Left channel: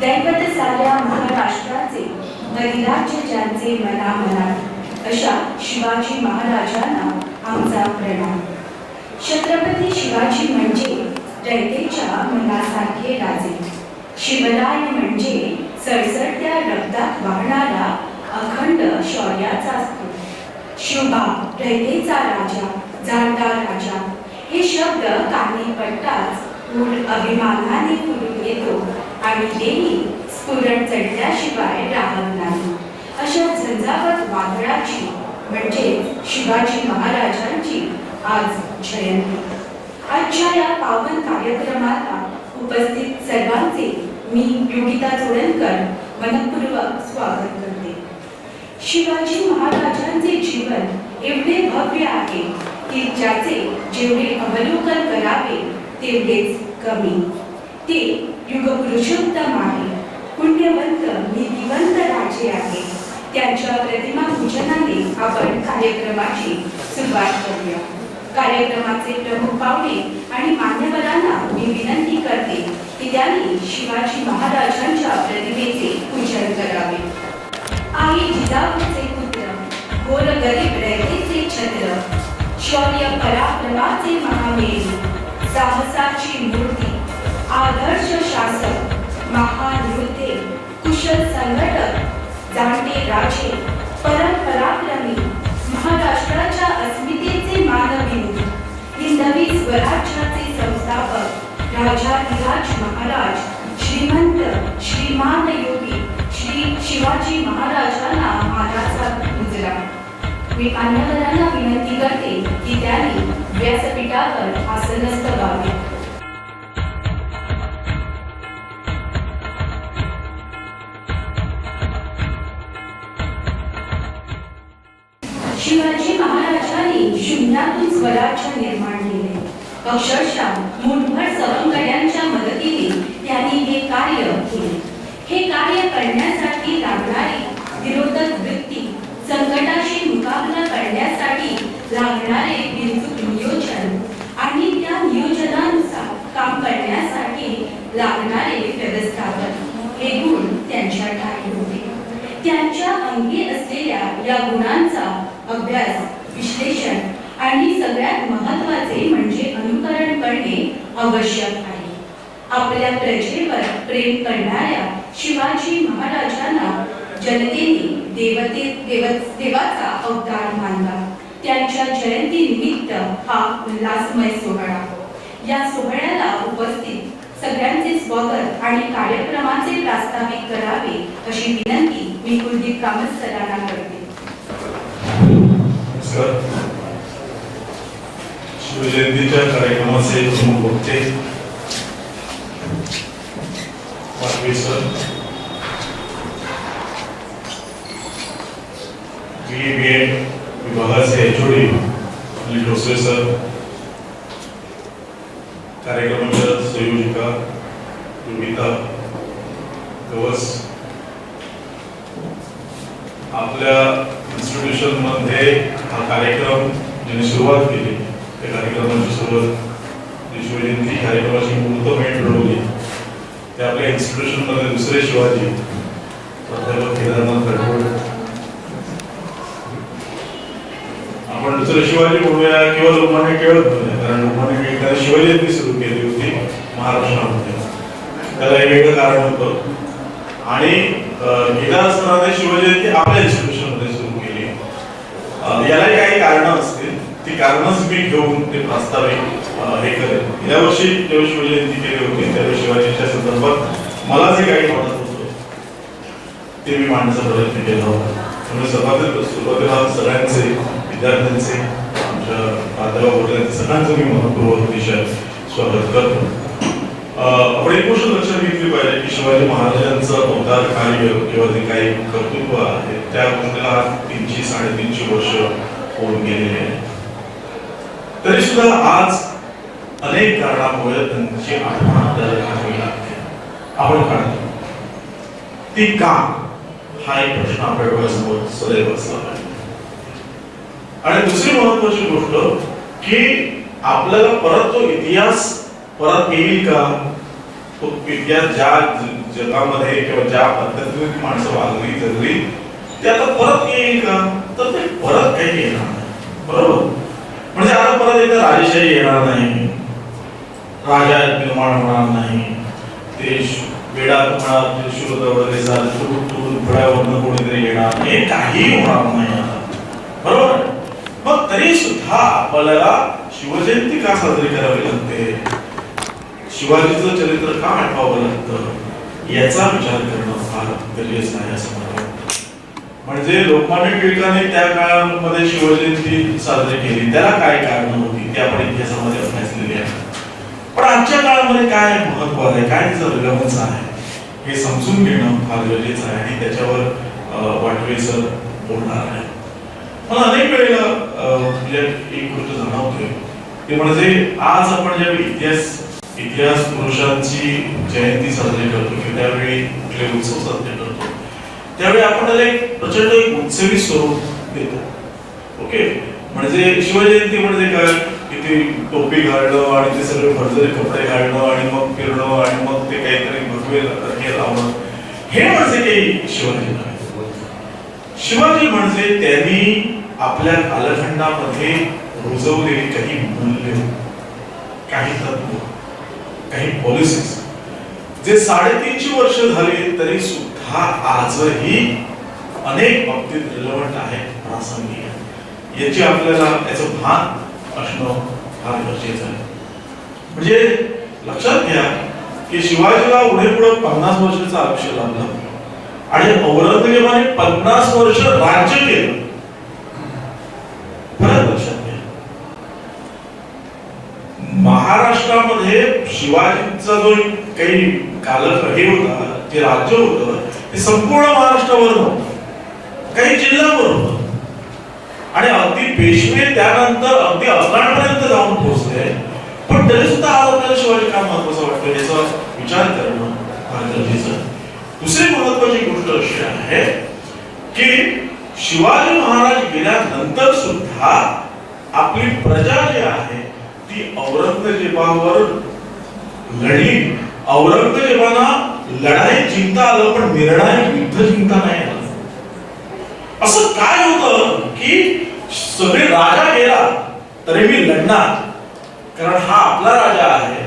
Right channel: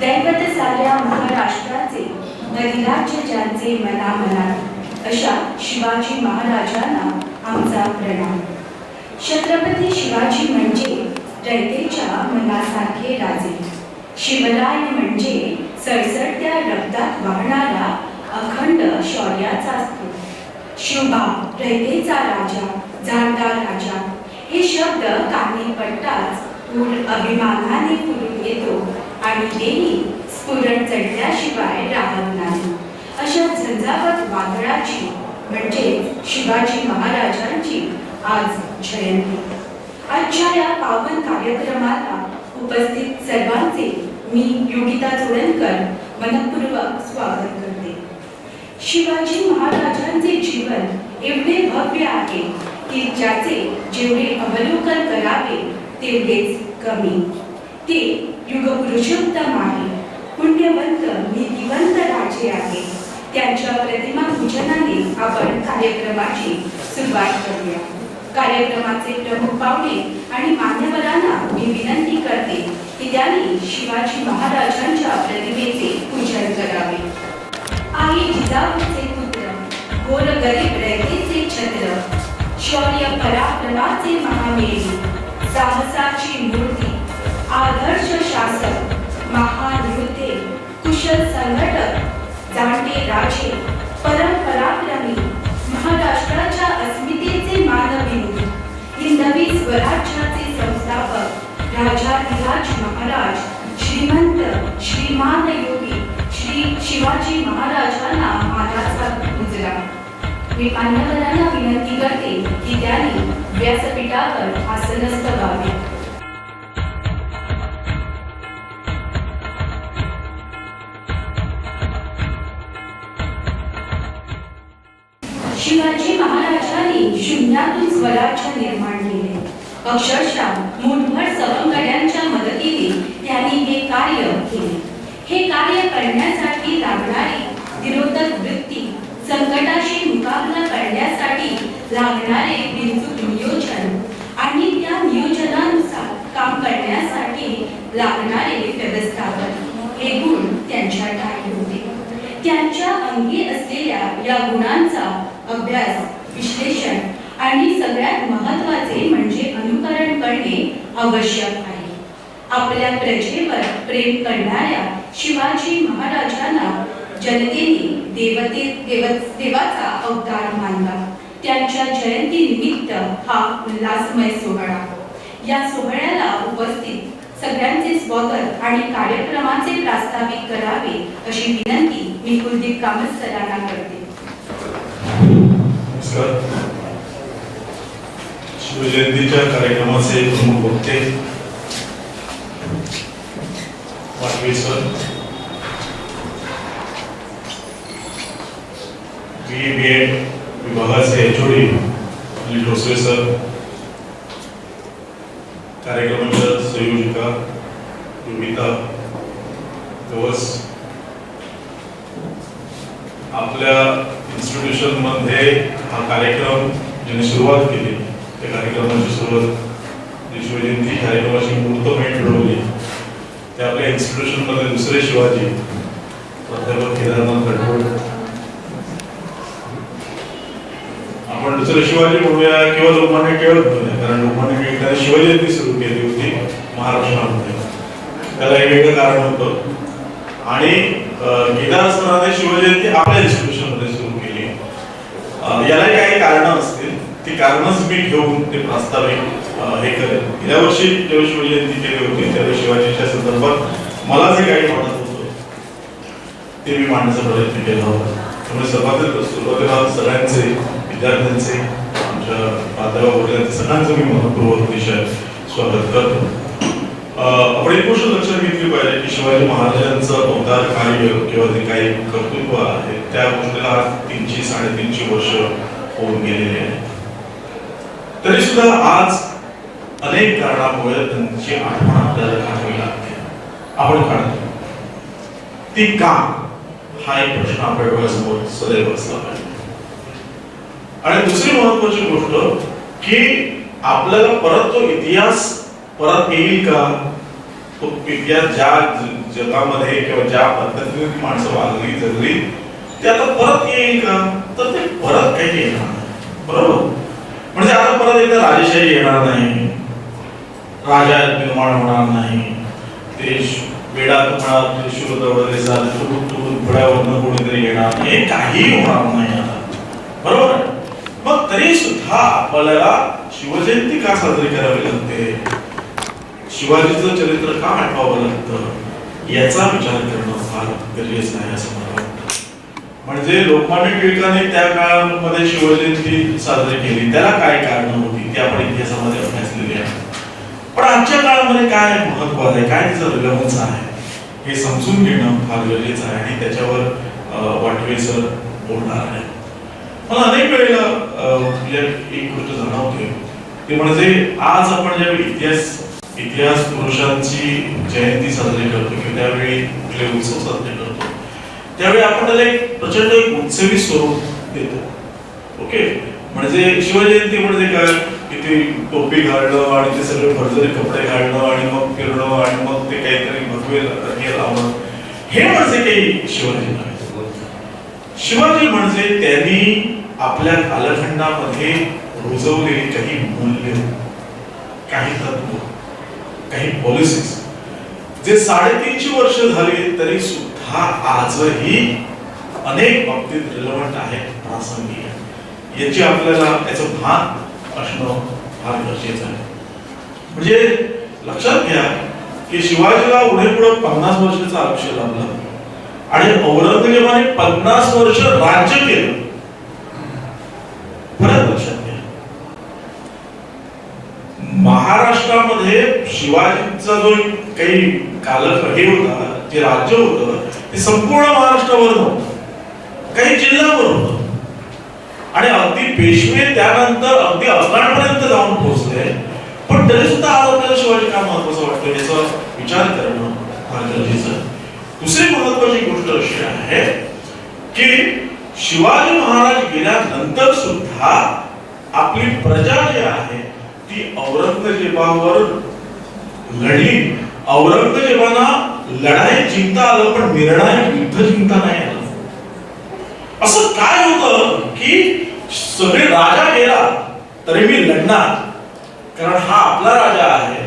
दैवत साऱ्या महाराष्ट्राचे अधिराज्य ज्यांचे मनामनात अशा शिवाजी महाराजांना आमचा प्रणाम। छत्रपती शिवाजी म्हणजे रयतेच्या मनासारखे राजे। शिवराय म्हणजे सळसळत्या रक्तात वाहणारा अखंड शौर्याचा स्फूर्त। शिवबा रयतेचा राजा, जाणता राजा हे शब्द कानी पडताच पूर अभिमानाने फुलून येतो आणि देही स्फुरण चढल्याशिवाय राहत नाही। अशा झंझावत वादळाची म्हणजे शिवाजी महाराजांची आज जयंती। आजच्या या पावन कार्यक्रमाला उपस्थित सर्वांचे मी योगिता जोडणकर मनपूर्वक स्वागत करते। शिवाजी महाराजांचे जीवन एवढे भव्य आहे की ज्याचे जेवढे अवलोकन करावे तेवढेच कमी। ते युगपुरुषोत्तम आहे, पुण्यवंत नीतिवंत राजे आहे। त्यांच्या प्रतिमा पूजनाने आपण कार्यक्रमाची सुरुवात करूया। कार्यक्रमाचे प्रमुख पाहुणे आणि मान्यवरांना मी विनंती करते की त्यांनी शिवाजी महाराजांच्या प्रतिमेचे पूजन करावे। आई जिजाऊचे पुत्र, गोर गरीब रयतेचे छत्र, शौर्य पराक्रमाचे महामेरू, साहसाची मूर्ती, आदर्श शासक, महान योद्धे, कुशल संघटक, जाणते राजे, परंपराक्रमी, महाराष्ट्राच्या अस्मितेचे मानविंदू, हिंदवी स्वराज्याचे संस्थापक, राजाधिराज महाराज, श्रीमंत श्रीमान योगी श्री शिवाजी महाराजांना मानाचा मुजरा। मी मान्यवरांना विनंती करते की त्यांनी व्यासपीठावर आसनस्थ व्हावे। शिवाजी महाराजांनी शून्यातून स्वराज्य निर्माण केले। अक्षरशः मुठभर सवंगड्यांच्या मदतीने त्यांनी हे कार्य केले। हे कार्य करण्यासाठी लागणारी विरोधक वृत्ती, संकटाशी मुकाबला करण्यासाठी लागणारे बिनचूक नियोजन आणि त्या नियोजनानुसार काम करण्यासाठी लागणारे व्यवस्थापन हे गुण त्यांच्या ठाई होते। त्यांच्या अंगी असलेल्या या गुणांचा अभ्यास, विश्लेषण आणि सगळ्यात महत्त्वाचे म्हणजे अनुकरण करणे आवश्यक आहे। आपल्या प्रजेवर प्रेम करणाऱ्या शिवाजी महाराजांना जनतेने देवाचा अवतार मानला। त्यांच्या जयंती निमित्त हा उल्हासमय सोहळा। या सोहळ्याला उपस्थित सगळ्यांचे स्वागत आणि कार्यक्रमाचे प्रास्ताविक करावे अशी विनंती मी कुलदीप कामत सरांना करते। शिवजयंतीच्या कार्यक्रमाचे प्रमुख वक्ते वाटवे सर, BA विभागाचे HOD अनिल ढोसले सर, कार्यक्रमाच्या संयोजिका योगिता गवस, आपल्या इन्स्टिट्यूशन मध्ये हा कार्यक्रम ज्यांनी सुरुवात केली त्या कार्यक्रमाची सुरुवात शिवजयंती कार्यक्रमाची मुहूर्तमेढ ठरवली ते आपल्या इन्स्टिट्यूशन मध्ये दुसरे शिवाजी प्राध्यापक केदारनाथ गडकोड। आपण दुसरे शिवाजी म्हणूया किंवा लोकमान्य टिळक म्हणूया, कारण लोकमान्य टिळकांनी शिवजयंती सुरू केली होती महाराष्ट्रामध्ये, त्याला एक वेगळं कारण होतं। आणि केदार सरांनी शिवजयंती आपल्या इन्स्टिट्यूशन मध्ये सुरू केली। याला काही कारणं असतील, ती कारणच मी घेऊन ते प्रास्ताविक हे करेन। या वर्षी जेव्हा शिवजयंती केली होती त्यावेळी शिवाजीच्या संदर्भात मला जे काही वाटत होतं ते मी मांडण्याचा प्रयत्न केला होता। त्यामुळे सुरुवातीला सगळ्यांचे, विद्यार्थ्यांचे, आमच्या प्राध्यापक वगैरे सगळ्यांचं मी मनपूर्वक विषय स्वागत करतो। आपण एक गोष्ट लक्षात घेतली पाहिजे की शिवाजी महाराजांचं अवतार कार्य किंवा जे काही कर्तृत्व आहे त्या गोष्टीला 300-350 वर्ष होऊन गेलेले आहे। तरी सुद्धा आज अनेक कारणामुळे त्यांची आठवण आपल्याला काढावी लागते। आपण काढतो ती का, हा एक प्रश्न आपल्या डोळ्यासमोर सदैव असला पाहिजे। आणि दुसरी महत्वाची गोष्ट की आपल्याला परत तो इतिहास परत येईल का, तो इतिहास ज्या जगामध्ये किंवा ज्या पद्धतीने ती माणसं वागली जगली ते आता परत येईल का, तर ते परत काही येणार नाही. बरोबर, म्हणजे आता परत एकदा राजेशाही येणार नाही, राजा निर्माण होणार नाही, ते वेडा तुम्हाला शोध वगैरे फळ्यावरनं कोणीतरी येणार, हे काही होणार नाही आता. बरोबर, मग तरी सुद्धा आपल्याला शिवजयंती का साजरी करावी लागते, शिवाजीचं चरित्र का आठवावं लागतं, याचा विचार करणं फार गरजेचं आहे असं मला वाटतं. म्हणजे लोकमान्य टिळकांनी त्या काळामध्ये शिवजयंती साजरी केली, त्याला काय कारण होती ते आपण इतिहासामध्ये अभ्यासलेली आहे. पण आजच्या काळामध्ये काय महत्व आहे, काय तिचं रिलेव्हन्स आहे, हे समजून घेणं फार गरजेचं आहे आणि त्याच्यावर वाटवे सर बोलणार आहे. मला अनेक वेळेला एक गोष्ट जाणवते, ते म्हणजे आज आपण ज्यावेळी इतिहास पुरुषांची जयंती साजरी करतो किंवा त्यावेळी कुठले उत्सव साजरे करतो, त्यावेळी आपण त्याला एक प्रचंड उत्सवी स्वरूप देतो. ओके, म्हणजे शिवजयंती म्हणजे काय, किती टोपी घालणं आणि ते सगळे भरजरी कपडे घालणं आणि मग फिरणं आणि मग ते काहीतरी भगवे हे लावणं, हे म्हणजे काही शिवाजी नाही. शिवाजी म्हणजे त्यांनी आपल्या कालखंडामध्ये रुजवलेली काही मूल्य, काही तत्व, काही पॉलिसीज जे 350 वर्ष झाली तरी सुद्धा आजही अनेक बाबतीत रिलेव्हंट आहे, प्रासंगिक आहे. याची आपल्याला याचं भान असणं फार गरजेचं आहे. म्हणजे लक्षात घ्या की शिवाजीला पुढे 50 वर्षाचं आयुष्य लाभलं आणि औरंगजेबाने 50 वर्ष राज्य केलं. फरक लक्षात घ्या, महाराष्ट्रामध्ये शिवाजींचा जो काही हे होता, जे राज्य होतं ते संपूर्ण महाराष्ट्रावर नव्हतं, काही जिल्ह्यावर होतं आणि अगदी पेशवे त्यानंतर अगदी अफगाणपर्यंत जाऊन पोहोचले. पण तरी सुद्धा आज आपल्याला शिवाजी का महत्वाचं वाटतं याचा विचार करणं फार गरजेचं आहे. दुसरी महत्वाची गोष्ट अशी आहे की शिवाजी महाराज गेल्यानंतर सुद्धा आपली प्रजा जी आहे ती औरंगजेबावर लढली. औरंगजेबाला लढाई जिंकता आलं पण निर्णायक युद्ध जिंकता नाही आलं. असं काय होतं की सगळे राजा गेला तरी मी लढणार, कारण हा आपला राजा आहे.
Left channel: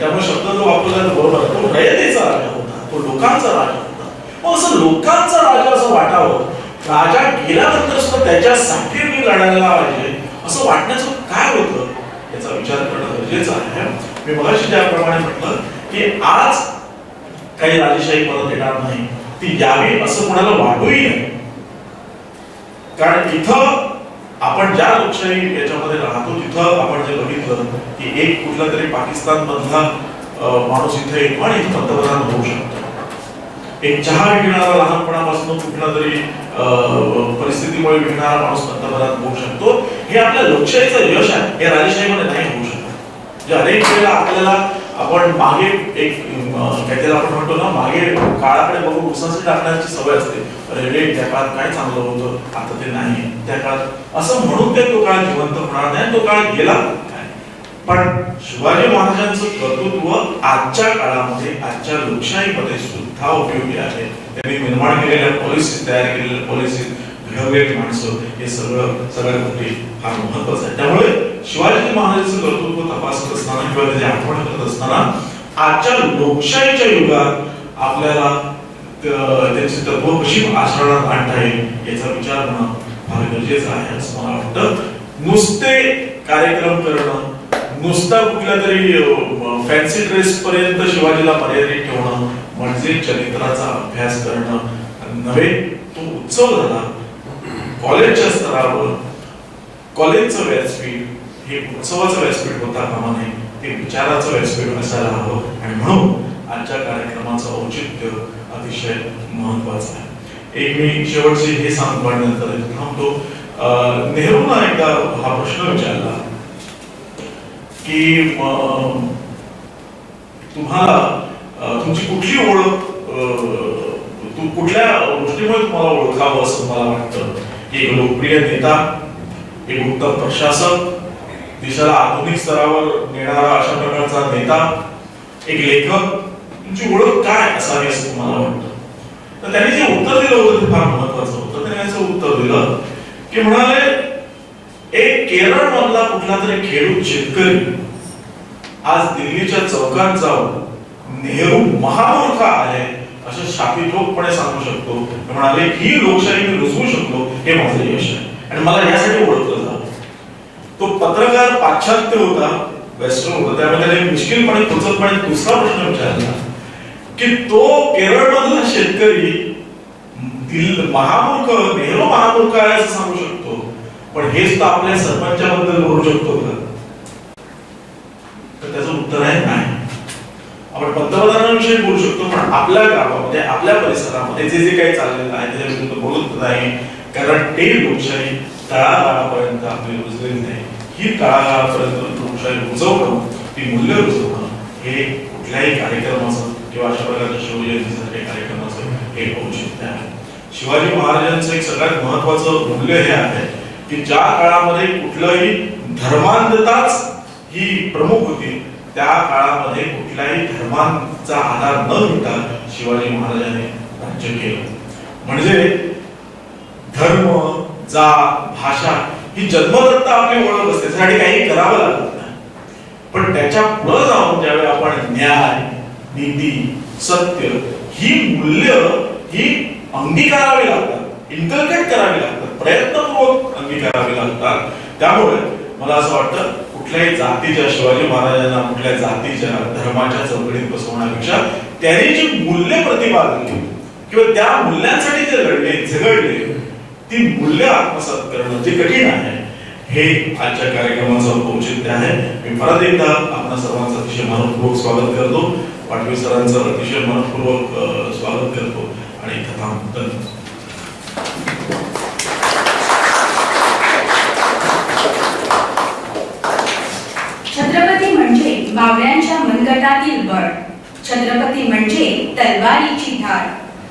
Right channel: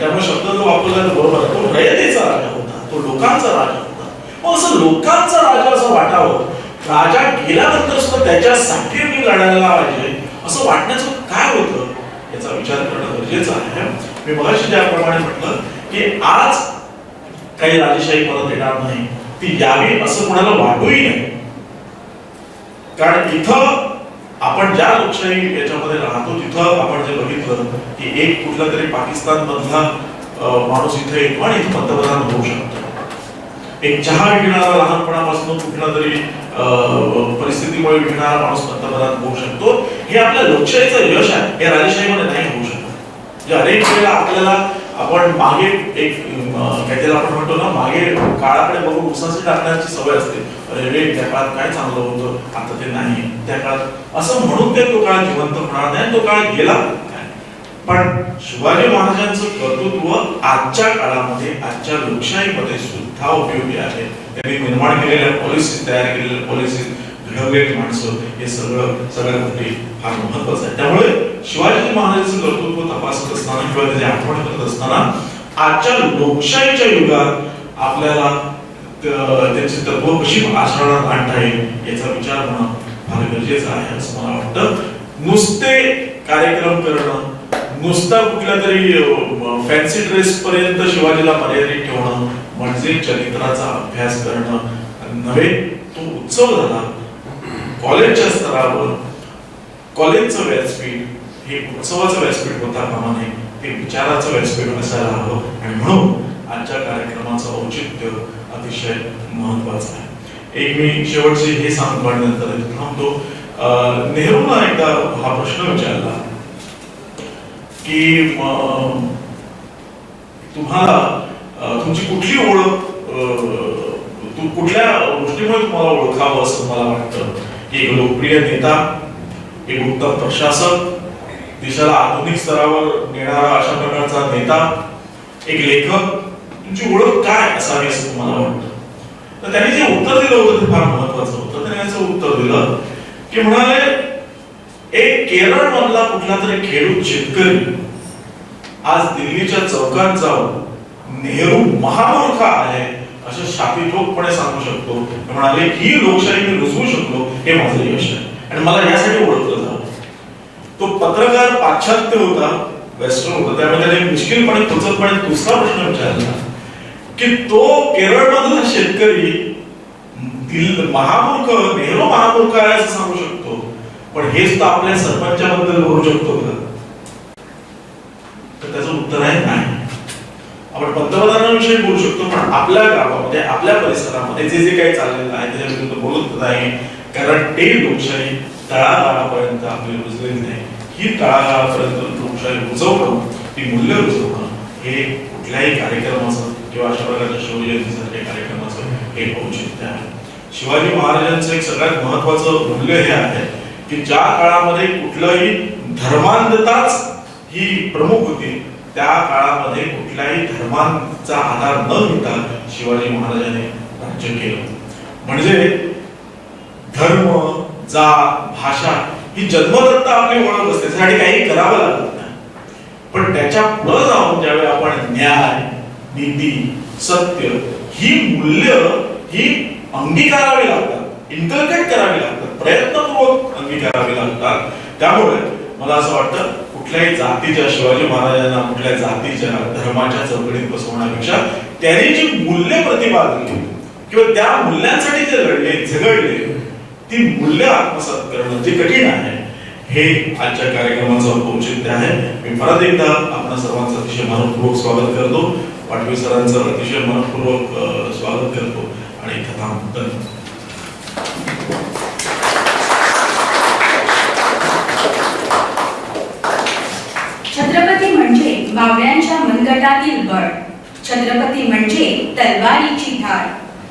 त्यामुळे शब्द जो वापरला बरोबर, तो रयतेचा राजा होता, तो लोकांचा राजा होता. मग असं लोकांचा राजा असं वाटावं, राजा गेल्यानंतर सुद्धा त्याच्यासाठी मी लढायला पाहिजे असं वाटण्याचं काय होतं याचा विचार करणं गरजेचं आहे. मी मगाशी ज्याप्रमाणे म्हटलं की आज काही राजेशाही परत येणार नाही, ती यावी असं कोणाला वाटूही नाही. कारण इथं आपण ज्या लोकशाही याच्यामध्ये राहतो तिथं आपण जे बघितलं की एक कुठला तरी पाकिस्तान मधला माणूस इथे येतो आणि इथे पंतप्रधान होऊ शकतो. एक चहा विकणारा लहानपणापासून कुठला तरी परिस्थितीमुळे विकणारा माणूस पंतप्रधान होऊ शकतो. हे आपल्या लोकशाहीचं यश आहे, हे राजेशाहीमध्ये नाही होऊ शकत. म्हणजे अनेक वेळेला आपल्याला आपण मागे एक काहीतरी आपण म्हणतो ना, मागे काळाकडे बघून उसाचे टाकण्याची सवय असते. अरे रे, त्या काळात काय चांगलं होतं, आता ते नाही, त्या काळात असं म्हणून ते तो काळ जिवंत होणार नाही, तो काळ गेला. पण शिवाजी महाराजांचं कर्तृत्व आजच्या काळामध्ये, आजच्या लोकशाहीमध्ये सुद्धा उपयोगी आहे. त्यांनी निर्माण केलेल्या पॉलिसी, तयार केलेल्या पॉलिसी, घडवलेली माणसं, हे सगळ्या गोष्टी फार महत्वाचं आहे. त्यामुळे शिवाजी महाराजांचं कर्तृत्व तपासत असताना किंवा त्याची आठवण करत असताना आजच्या लोकशाहीच्या युगात आपल्याला त्याची तत्व कशी आचरणात आणता येईल याचा विचार होणं फार गरजेचं आहे असं मला वाटतं. नुसते कार्यक्रम करणं, नुसता कुठल्या तरी फॅन्सी ड्रेस पर्यंत शिवाजीला मर्यादित ठेवणं म्हणजे चरित्राचा अभ्यास करणं नव्हे. तो उत्सव झाला कॉलेजच्या स्तरावर, कॉलेजचं व्यासपीठ हे उत्सवाचं व्यासपीठ होता कामा नये, ते विचाराचं व्यासपीठ असायला हवं. आणि म्हणून आजच्या कार्यक्रमाचं औचित्य अतिशय महत्वाचं आहे. एक मी शेवटचे हे सांगण्यानंतर थांबतो. नेहरूंना एकदा हा प्रश्न विचारला की तुम्हाला तुमची कुठली ओळख, कुठल्या गोष्टीमुळे तुम्हाला ओळखावं असं मला वाटतं. एक लोकप्रिय नेता, एक उत्तम प्रशासक, देशाला आधुनिक स्तरावर नेणारा अशा प्रकारचा नेता, एक लेखक तुमची ओळख काय असावी असं तुम्हाला वाटतं? तर त्यांनी जे उत्तर दिलं होतं ते फार महत्वाचं होतं. त्यांनी असं उत्तर दिलं की म्हणाले, एक केरळ मधला कुठला तरी खेडूत शेतकरी आज दिल्लीच्या चौकात जाऊन नेहरू महामूर्ख आहे असं शापितोपणे सांगू शकतो. म्हणाले ही लोकशाही मी रुजवू शकतो, हे माझं यश आहे आणि मला यासाठी ओळखलं जातं. तो पत्रकार पाश्चात्य होता, वेस्टर्न होता, त्यामुळे त्याने मुश्किलपणे कुचतपणे दुसरा प्रश्न विचारला की तो केरळ मधला शेतकरी महामूर्ख, नेहरू महामूर्ख आहे असं सांगू शकतो, पण हेच तर आपल्या सरपंचाबद्दल बोलू शकतो का? तर त्याचं उत्तर आहे नाही. आपण पंतप्रधानांविषयी बोलू शकतो, पण आपल्या गावामध्ये, आपल्या परिसरामध्ये जे जे काही चाललेलं आहे त्याच्या विरुद्ध बोलत नाही, कारण ते लोकशाही तळागाळापर्यंत आपली रुजलेली नाही. ही तळागाळापर्यंत लोकशाही रुजवणं, ती मूल्य रुजवणं, हे कुठल्याही कार्यक्रमाचं किंवा अशा प्रकारच्या शिवजयंतीसारख्या कार्यक्रमाचं हे औचित्य आहे. शिवाजी महाराजांचं एक सगळ्यात महत्वाचं मूल्य हे आहे की ज्या काळामध्ये कुठलंही धर्मांधताच ही प्रमुख होती, त्या काळामध्ये कुठल्याही धर्मांचा आधार न घेता शिवाजी महाराजांनी राज्य केलं. म्हणजे धर्म, जात, भाषा ही जन्मदत्त आपली ओळख असते, त्यासाठी काही करावं लागत नाही. पण त्याच्या पुढे जाऊन ज्यावेळी आपण न्याय, नीती, सत्य ही मूल्य ही अंगीकारावी लागतात, इन्कल्केट करावी लागतात, प्रयत्नपूर्वक अंगीकारावी लागतात. त्यामुळे मला असं वाटतं कुठल्याही जातीच्या, शिवाजी महाराजांना कुठल्या जातीच्या, धर्माच्या चौकटीत बसवण्यापेक्षा त्यांनी जी मूल्य प्रतिपादन किंवा त्या मूल्यांसाठी जे लढले, झगडले, ती मूल्य आत्मसात करणं जे कठीण आहे, हे आजच्या कार्यक्रमाचं औचित्य आहे. मी परत एकदा आपल्या सर्वांचं अतिशय मनपूर्वक स्वागत करतो, पाटवी सरांचं अतिशय मनपूर्वक स्वागत करतो आणि कथांतर छत्रपती म्हणजे बावड्यांच्या मनगटातील बळ, छत्रपती म्हणजे तलवारीची धार,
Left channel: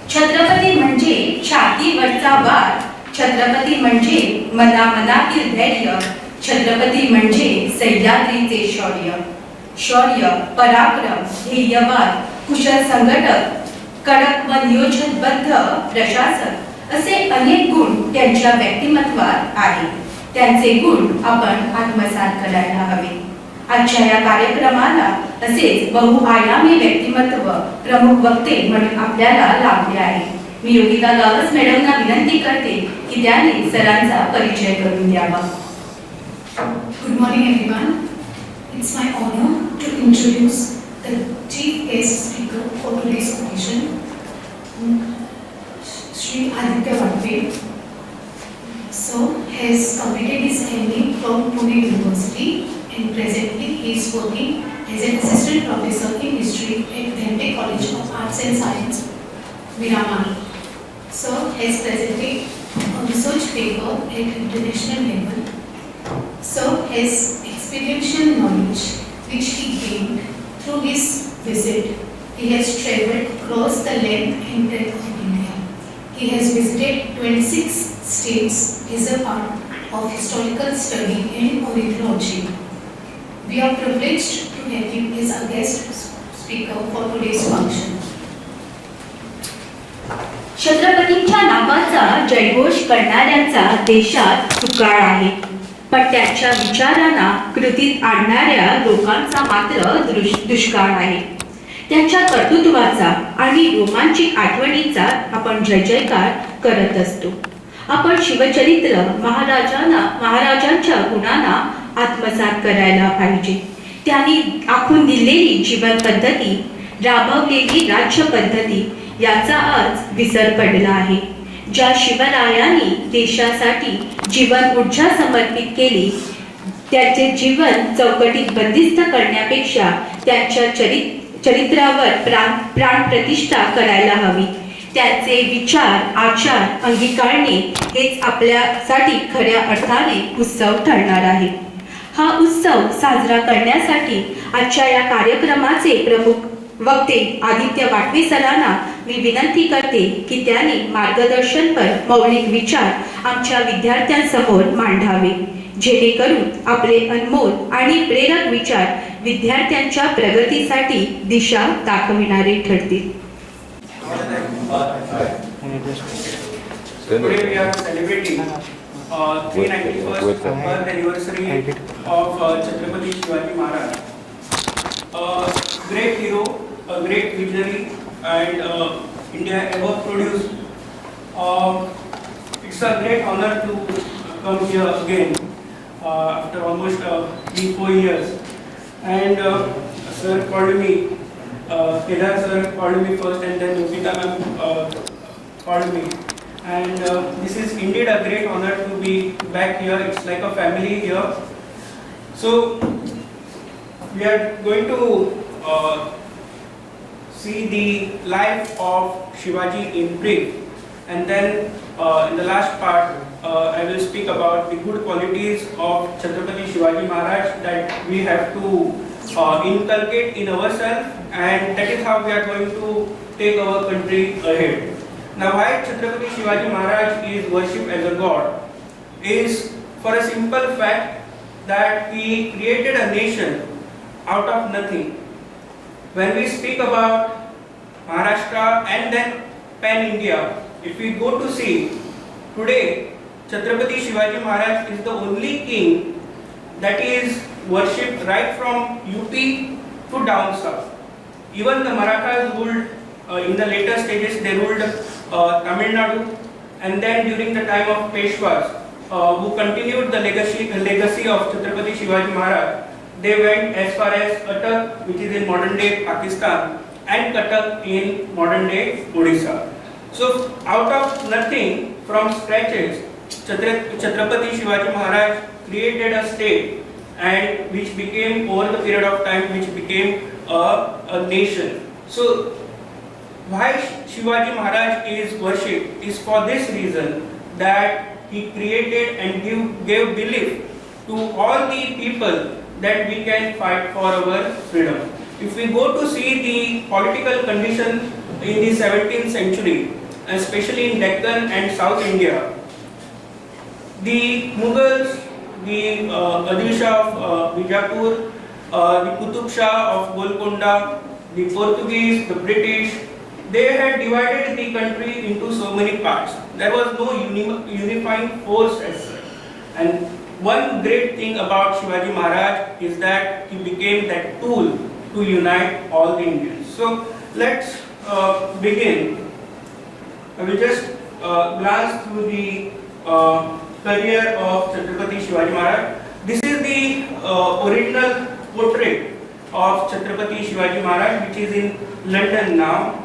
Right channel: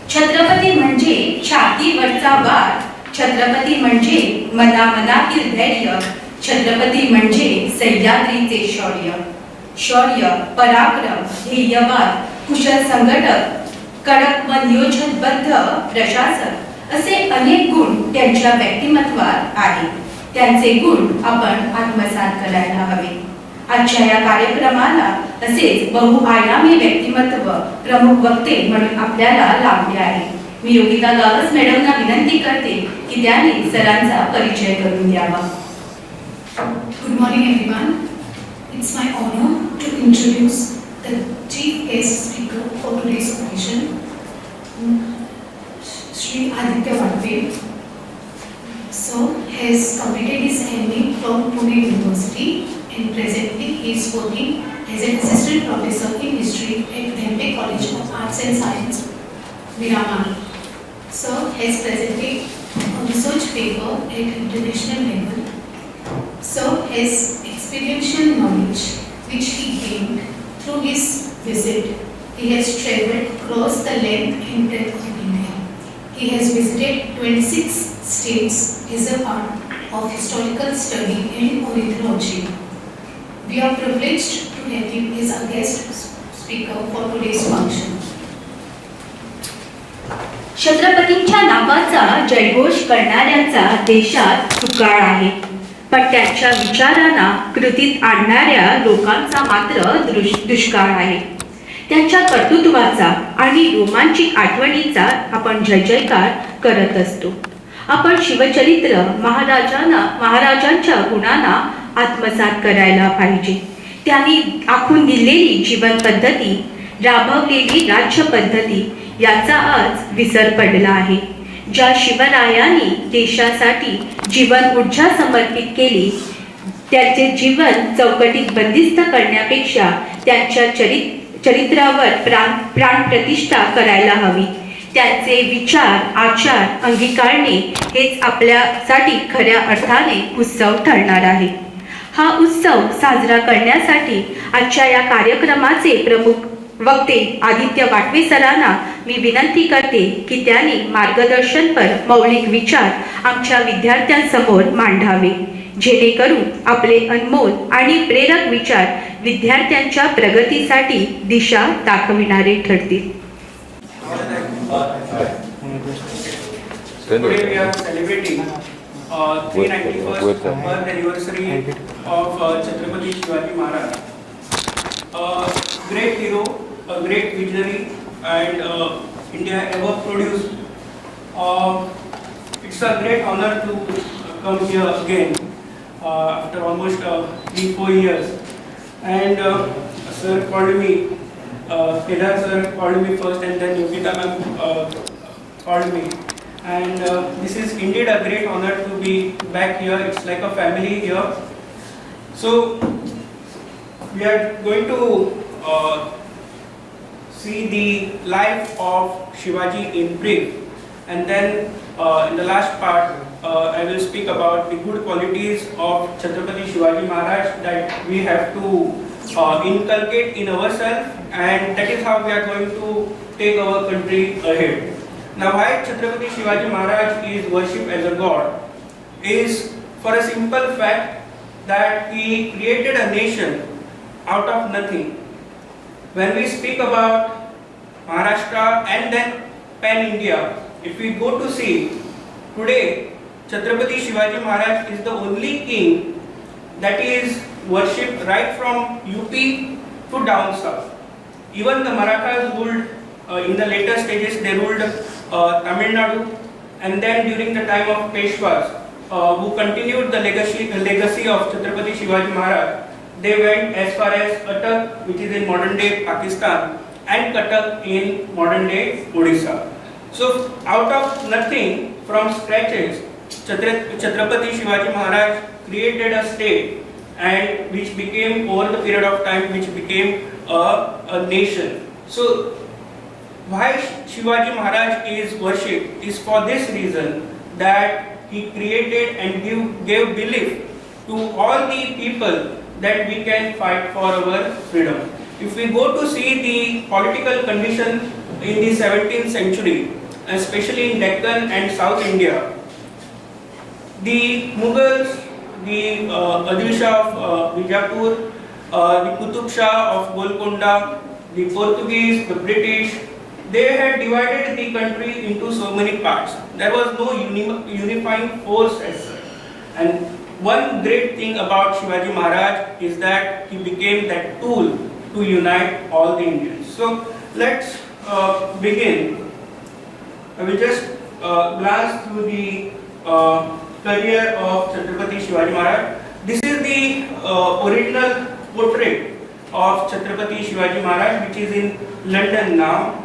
छत्रपती म्हणजे छातीवरचा वार, छत्रपती म्हणजे मनामनातील धैर्य, छत्रपती म्हणजे सह्याद्रीचे शौर्य. शौर्य, पराक्रम, ध्येयवाद, कुशल संघटक, कडक व नियोजनबद्ध प्रशासक असे अनेक गुण त्यांच्या व्यक्तिमत्वात आहेत. त्यांचे गुण आपण आत्मसात करायला हवे. आजच्या या कार्यक्रमाला असेच बहुआयामी व्यक्तिमत्व प्रमुख वक्ते म्हणून आपल्याला लाभले आहे. मी योगिता गावस मॅडमना विनंती करते की त्यांनी सरांचा परिचय करून द्यावा. Good morning everyone. It's my honor to introduce the chief guest speaker for today's occasion, Shri Aditya Vatve. So, he has completed his MA from Pune University and presently he is working as an assistant professor in history at Dhempe College of Arts and Science, Miramar. Sir has presented a research paper at international level. Sir has experiential knowledge which he gained through his visit. He has travelled across the length and breadth of India. He has visited 26 states as a part of historical study and ornithology. We are privileged to have him as a guest speaker for today's function. छत्रपतींच्या नावाचा जयघोष करणाऱ्यांचा देशात तुकाळ आहे, पण त्यांच्या विचारांना कृतीत आणणाऱ्या लोकांचा मात्र दुष्काळ आहे. त्यांच्या कर्तृत्वाचा आणि रोमांचिक आठवणीचा आपण जय जयकार करत असतो. आपण शिवचरित्र महाराजांच्या गुणांना आत्मसात करायला पाहिजे. त्यांनी आखून दिलेली जीवन पद्धती, राबवलेली राज्य पद्धती याचा आज विसर पडला आहे. ज्या शिवरायांनी देशासाठी जीवन ऊर्जा समर्पित केली, त्याचे जीवन चौकटीत बंदिस्त करण्यापेक्षा त्यांच्या चरित्रावर प्राण प्रतिष्ठा करायला हवी. त्यांचे विचार, आचार अंगीकारणे हेच आपल्यासाठी खऱ्या अर्थाने उत्सव ठरणार आहे. हा उत्सव साजरा करण्यासाठी आजच्या या कार्यक्रमाचे प्रमुख वक्ते आदित्य वाटवे सरांना मी विनंती करते की त्यांनी मार्गदर्शनपर मौलिक विचार आमच्या विद्यार्थ्यांसमोर मांडावे, जेणेकरून आपले अनमोल आणि प्रेरक विचार विद्यार्थ्यांच्या प्रगतीसाठी दिशा दाखविणारे ठरतील. Today we are celebrating 391st birth anniversary of Chhatrapati Shivaji Maharaj. A great hero, a great visionary, and India ever produced. It's a great honor to come here again after almost 3-4 years. And sir called me, Kedar sir called me first, and then Yogita ma'am called me. And this is indeed a great honor to be back here. It's like a family here. So we are going to see the life of Shivaji in brief, and then in the last part I will speak about the good qualities of Chhatrapati Shivaji Maharaj that we have to inculcate in ourselves, and that is how we are going to take our country ahead. Now, why Chhatrapati Shivaji Maharaj is worshipped as a god is for a simple fact that he created a nation out of nothing. When we speak about Maharashtra and then pan-India, if we go to see, today Chhatrapati Shivaji Maharaj is the only king that is worshipped right from UP to down south. Even the Marathas ruled in the later stages, they ruled Tamil Nadu, and then during the time of Peshwas, who continued the legacy of Chhatrapati Shivaji Maharaj, they went as far as Cuttack, which is in modern day Pakistan, and Cuttack in modern day Odisha. So out of nothing, from scratches, Chhatrapati Shivaji Maharaj created a state, and which became, over the period of time, which became a nation. So why Shivaji Maharaj is worshipped is for this reason, that he created and gave belief to all the people that we can fight for our freedom. If we go to see the political condition in the 17th century, especially in Deccan and South India, the Mughals, the Adil Shah of Bijapur, the Qutub Shah of Golconda, the Portuguese, the British, they had divided the country into so many parts. There was no unifying force as such. And one great thing about Shivaji Maharaj is that he became that tool to unite all the Indians. So let's begin. I will just glance through the career of Chhatrapati Shivaji Maharaj. This is the original portrait of Chhatrapati Shivaji Maharaj, which is in London now.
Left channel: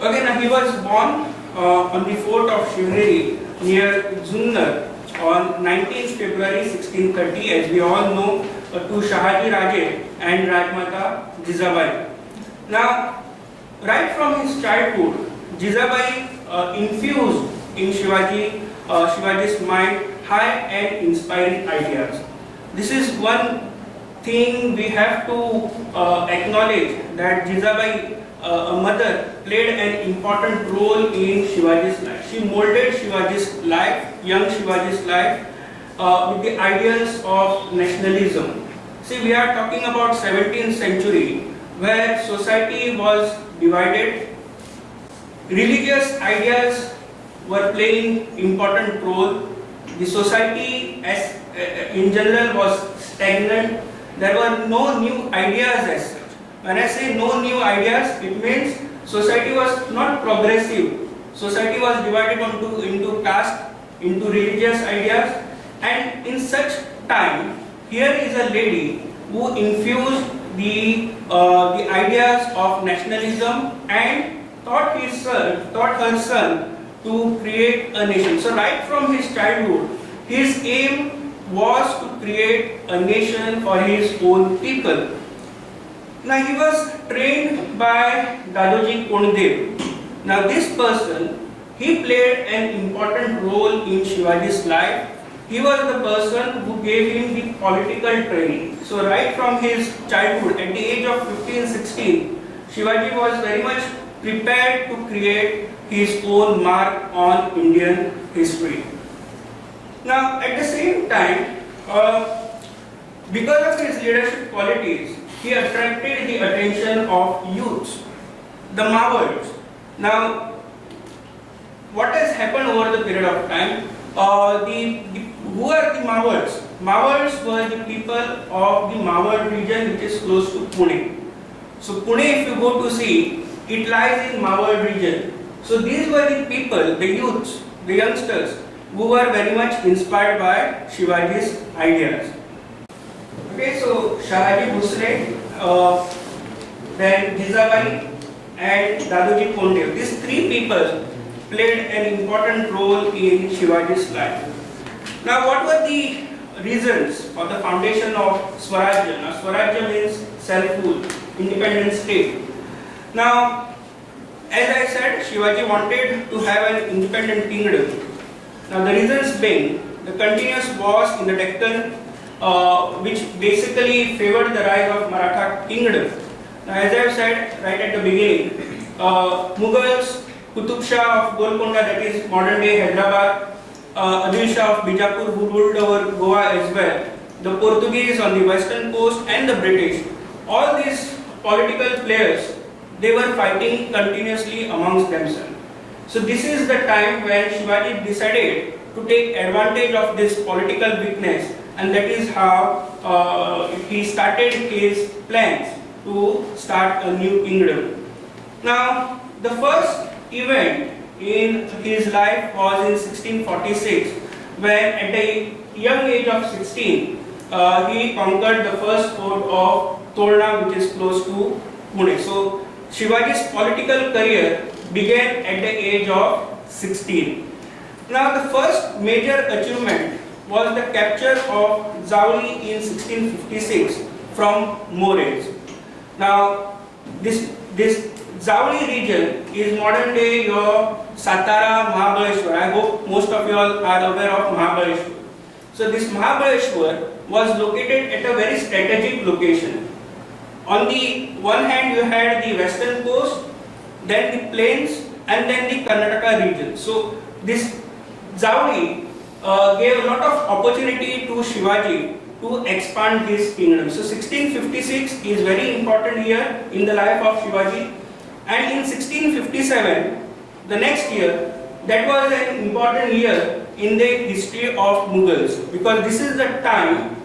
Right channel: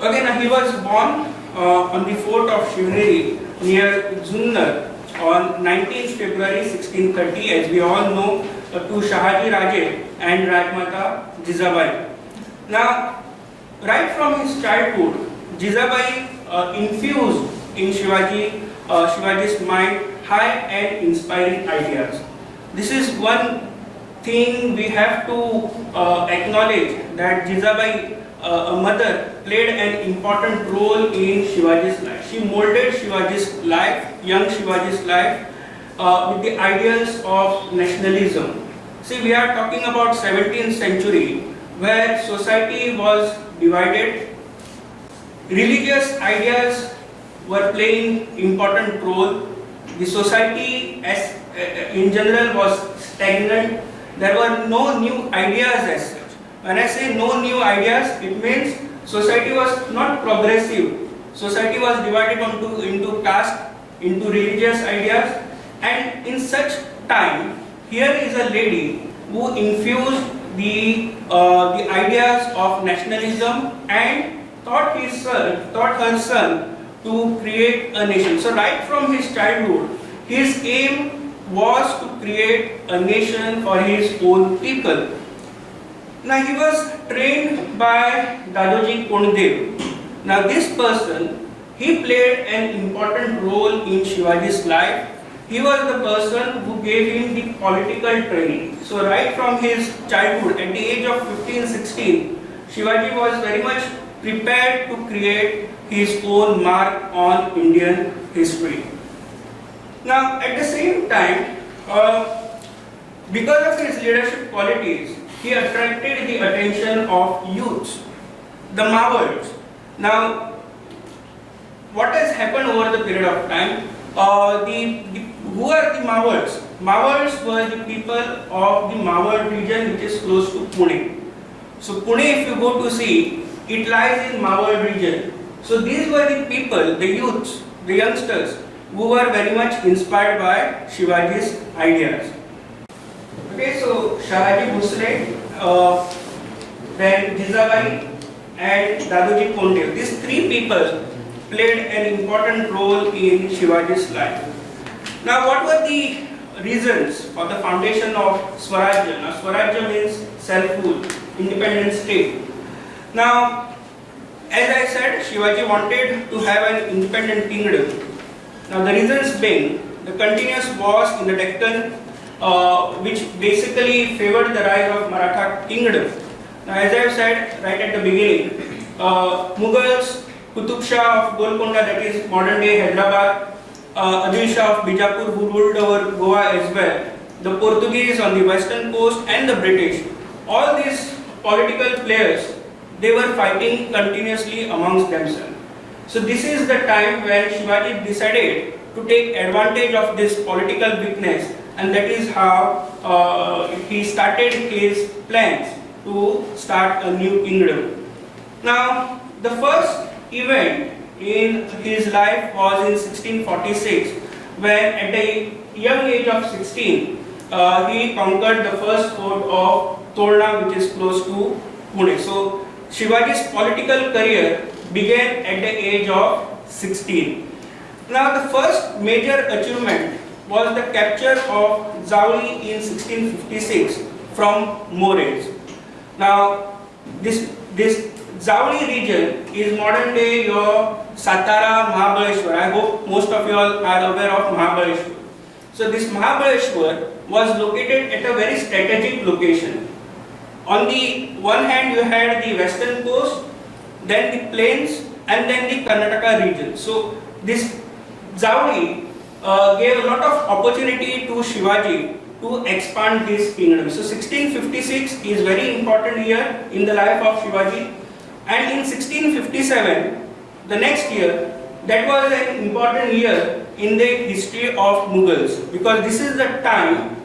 Again, he was born on the fort of Shivneri near Junnar on 19th February 1630, as we all know, to Shahaji Raje and Rajmata Jizabai. Now, right from his childhood, Jizabai infused in Shivaji's mind high and inspiring ideas. This is one thing we have to acknowledge, that Jizabai, a mother, played an important role in Shivaji's life. She molded Shivaji's life, young Shivaji's life, with the ideals of nationalism. See, we are talking about 17th century, where society was divided. Religious ideas were playing important role. The society as in general was stagnant. There were no new ideas as such. When I say no new ideas, it means society was not progressive. Society was divided into caste, into religious ideas, and in such time, here is a lady who infused the ideas of nationalism and taught her son to create a nation. So right from his childhood, his aim was to create a nation for his own people. Now he was trained by Dadoji Kondev. Now this person, he played an important role in Shivaji's life. He was the person who gave him the political training. So right from his childhood, at the age of 15-16, Shivaji was very much prepared to create his own mark on Indian history. Now, at the same time, because of his leadership qualities, he attracted the attention of youths, the Marwards. Now, what has happened over the period of time? Who are the Marwards? Marwards were the people of the Marward region, which is close to Pune. So Pune, if you go to see, it lies in Marward region. So these were the people, the youths, the youngsters, who were very much inspired by Shivaji's ideas. Okay, so Shahaji Bhosle, then Jizabai and Dadoji Koundev, these three people played an important role in Shivaji's life. Now, what were the reasons for the foundation of Swarajya? Now, Swarajya means self-rule, independent state. Now, as I said, Shivaji wanted to have an independent kingdom. Now, the reasons being the continuous wars in the Deccan, which basically favored the rise of Maratha kingdom. Now, as I have said right at the beginning, Mughals, Qutub Shah of Golconda, that is modern day Hyderabad, Adil Shah of Bijapur, who ruled over Goa as well, the Portuguese on the western coast, and the British, all these political players, they were fighting continuously amongst themselves. So this is the time when Shivaji decided to take advantage of this political weakness, and that is how he started his plans to start a new kingdom. Now, the first event in his life was in 1646, when at the young age of 16, he conquered the first fort of Tolna, which is close to Pune. So, Shivaji's political career began at the age of 16. Now, the first major achievement was the capture of Zauli in 1656 from Moreys. Now, this Zauli region is modern day your Satara, Mahabaleshwar. I hope most of you all are aware of Mahabaleshwar. So this Mahabaleshwar was located at a very strategic location. On the one hand, you had the western coast, then the plains, and then the Karnataka region. So this Zauli gave a lot of opportunity to Shivaji to expand his kingdom. So 1656 is very important year in the life of Shivaji. And in 1657, the next year, that was an important year in the history of Mughals, because this is the time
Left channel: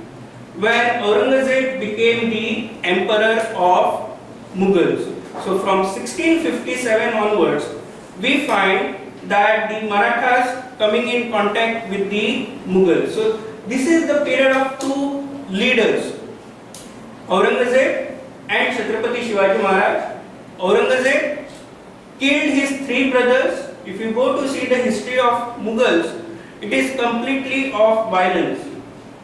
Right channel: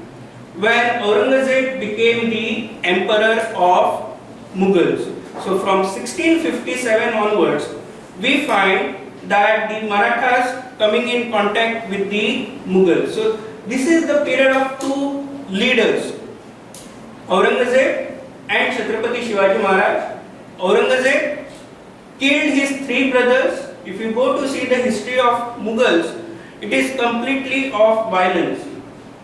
when Aurangzeb became the emperor of Mughals. So from 1657 onwards, we find that the Marathas coming in contact with the Mughals. So this is the period of two leaders, Aurangzeb and Chhatrapati Shivaji Maharaj. Aurangzeb killed his three brothers. If you go to see the history of Mughals, it is completely of violence.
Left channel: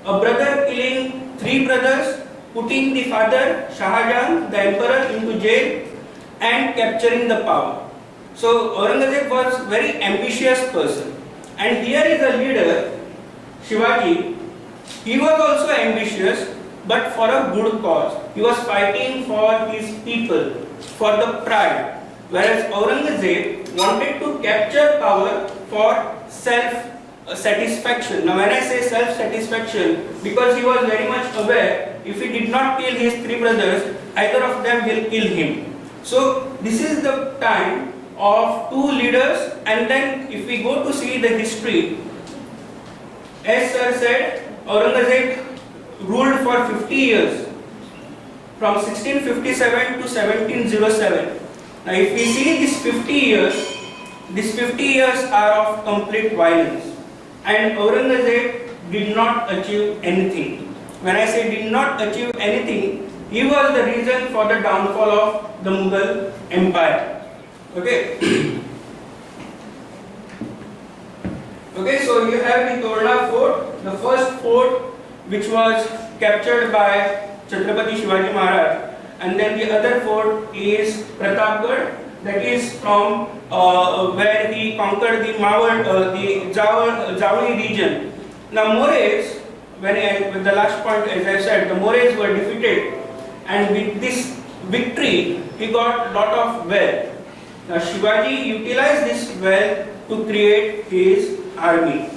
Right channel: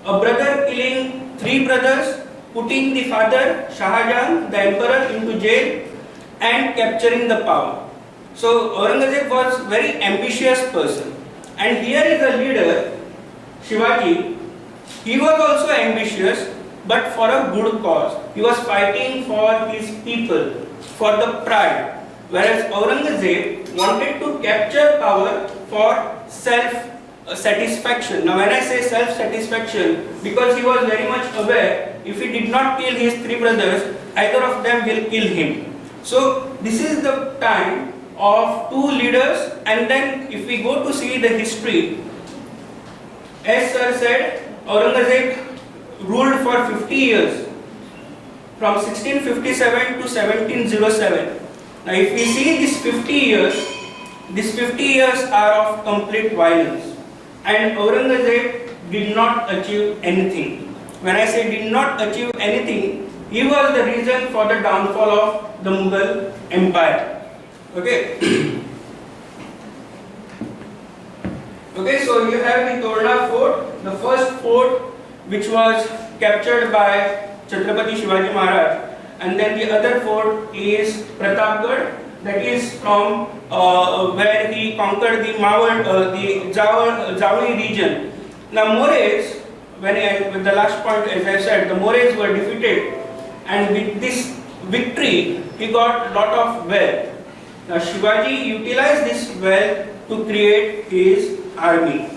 A brother killing three brothers, putting the father Shahjahan, the emperor, into jail and capturing the power. So Aurangzeb was a very ambitious person. And here is a leader, Shivaji. He was also ambitious, but for a good cause. He was fighting for his people, for the pride. Whereas Aurangzeb wanted to capture power for self-satisfaction. Now when I say self-satisfaction, because he was very much aware, if he did not kill his three brothers, either of them will kill him. So this is the time of two leaders. And then if we go to see the history, as sir said, Aurangzeb ruled for 50 years, from 1657 to 1707. Now if we see these 50 years are of complete violence, and Aurangzeb did not achieve anything. When I say did not achieve anything, he was the reason for the downfall of the Mughal Empire. Okay. Okay, so you have the Tolna fort, the first fort which was captured by Chhatrapati Shivaji Maharaj, and then the other fort is Pratapgarh, that is from where he conquered the Zauli region. Now Moreys, with the last point, as I said, the Moreys were defeated, and with this victory he got lot of wealth. Now Shivaji utilized this wealth to create his army.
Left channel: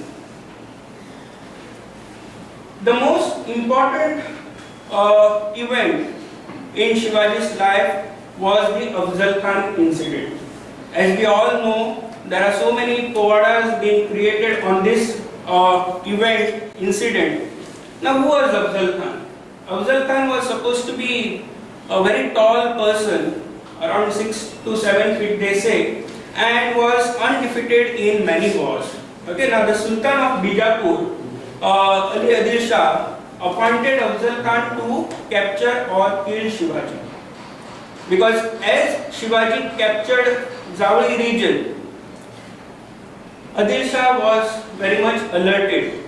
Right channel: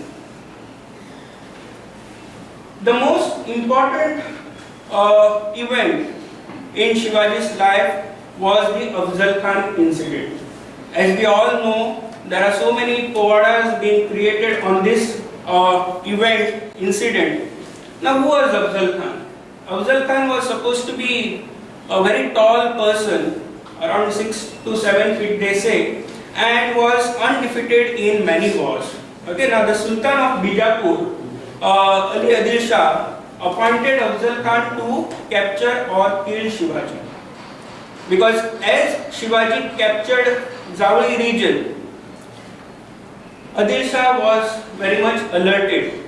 The most important event in Shivaji's life was the Afzal Khan incident. As we all know, there are so many povadas being created on this incident. Now, who was Afzal Khan? Afzal Khan was supposed to be a very tall person, around 6 to 7 feet they say, and was undefeated in many wars. Okay, now the Sultan of Bijapur, Ali Adil Shah, appointed Afzal Khan to capture or kill Shivaji. Because as Shivaji captured Zawli region, Adil Shah was very much alerted.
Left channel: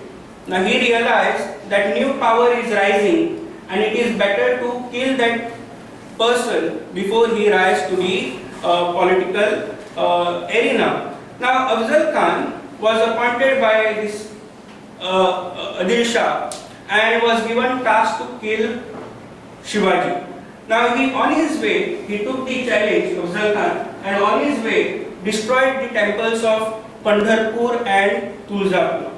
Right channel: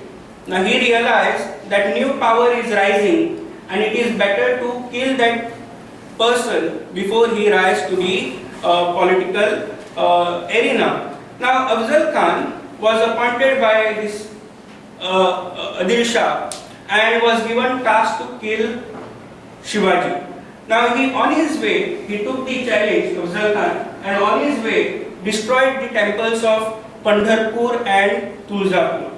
Now he realized that new power is rising and it is better to kill that person before he rises to the political arena. Now Afzal Khan was appointed by this Adil Shah and was given task to kill Shivaji. Now on his way, he took the challenge, Afzal Khan, and on his way destroyed the temples of Pandharpur and Tulzapur.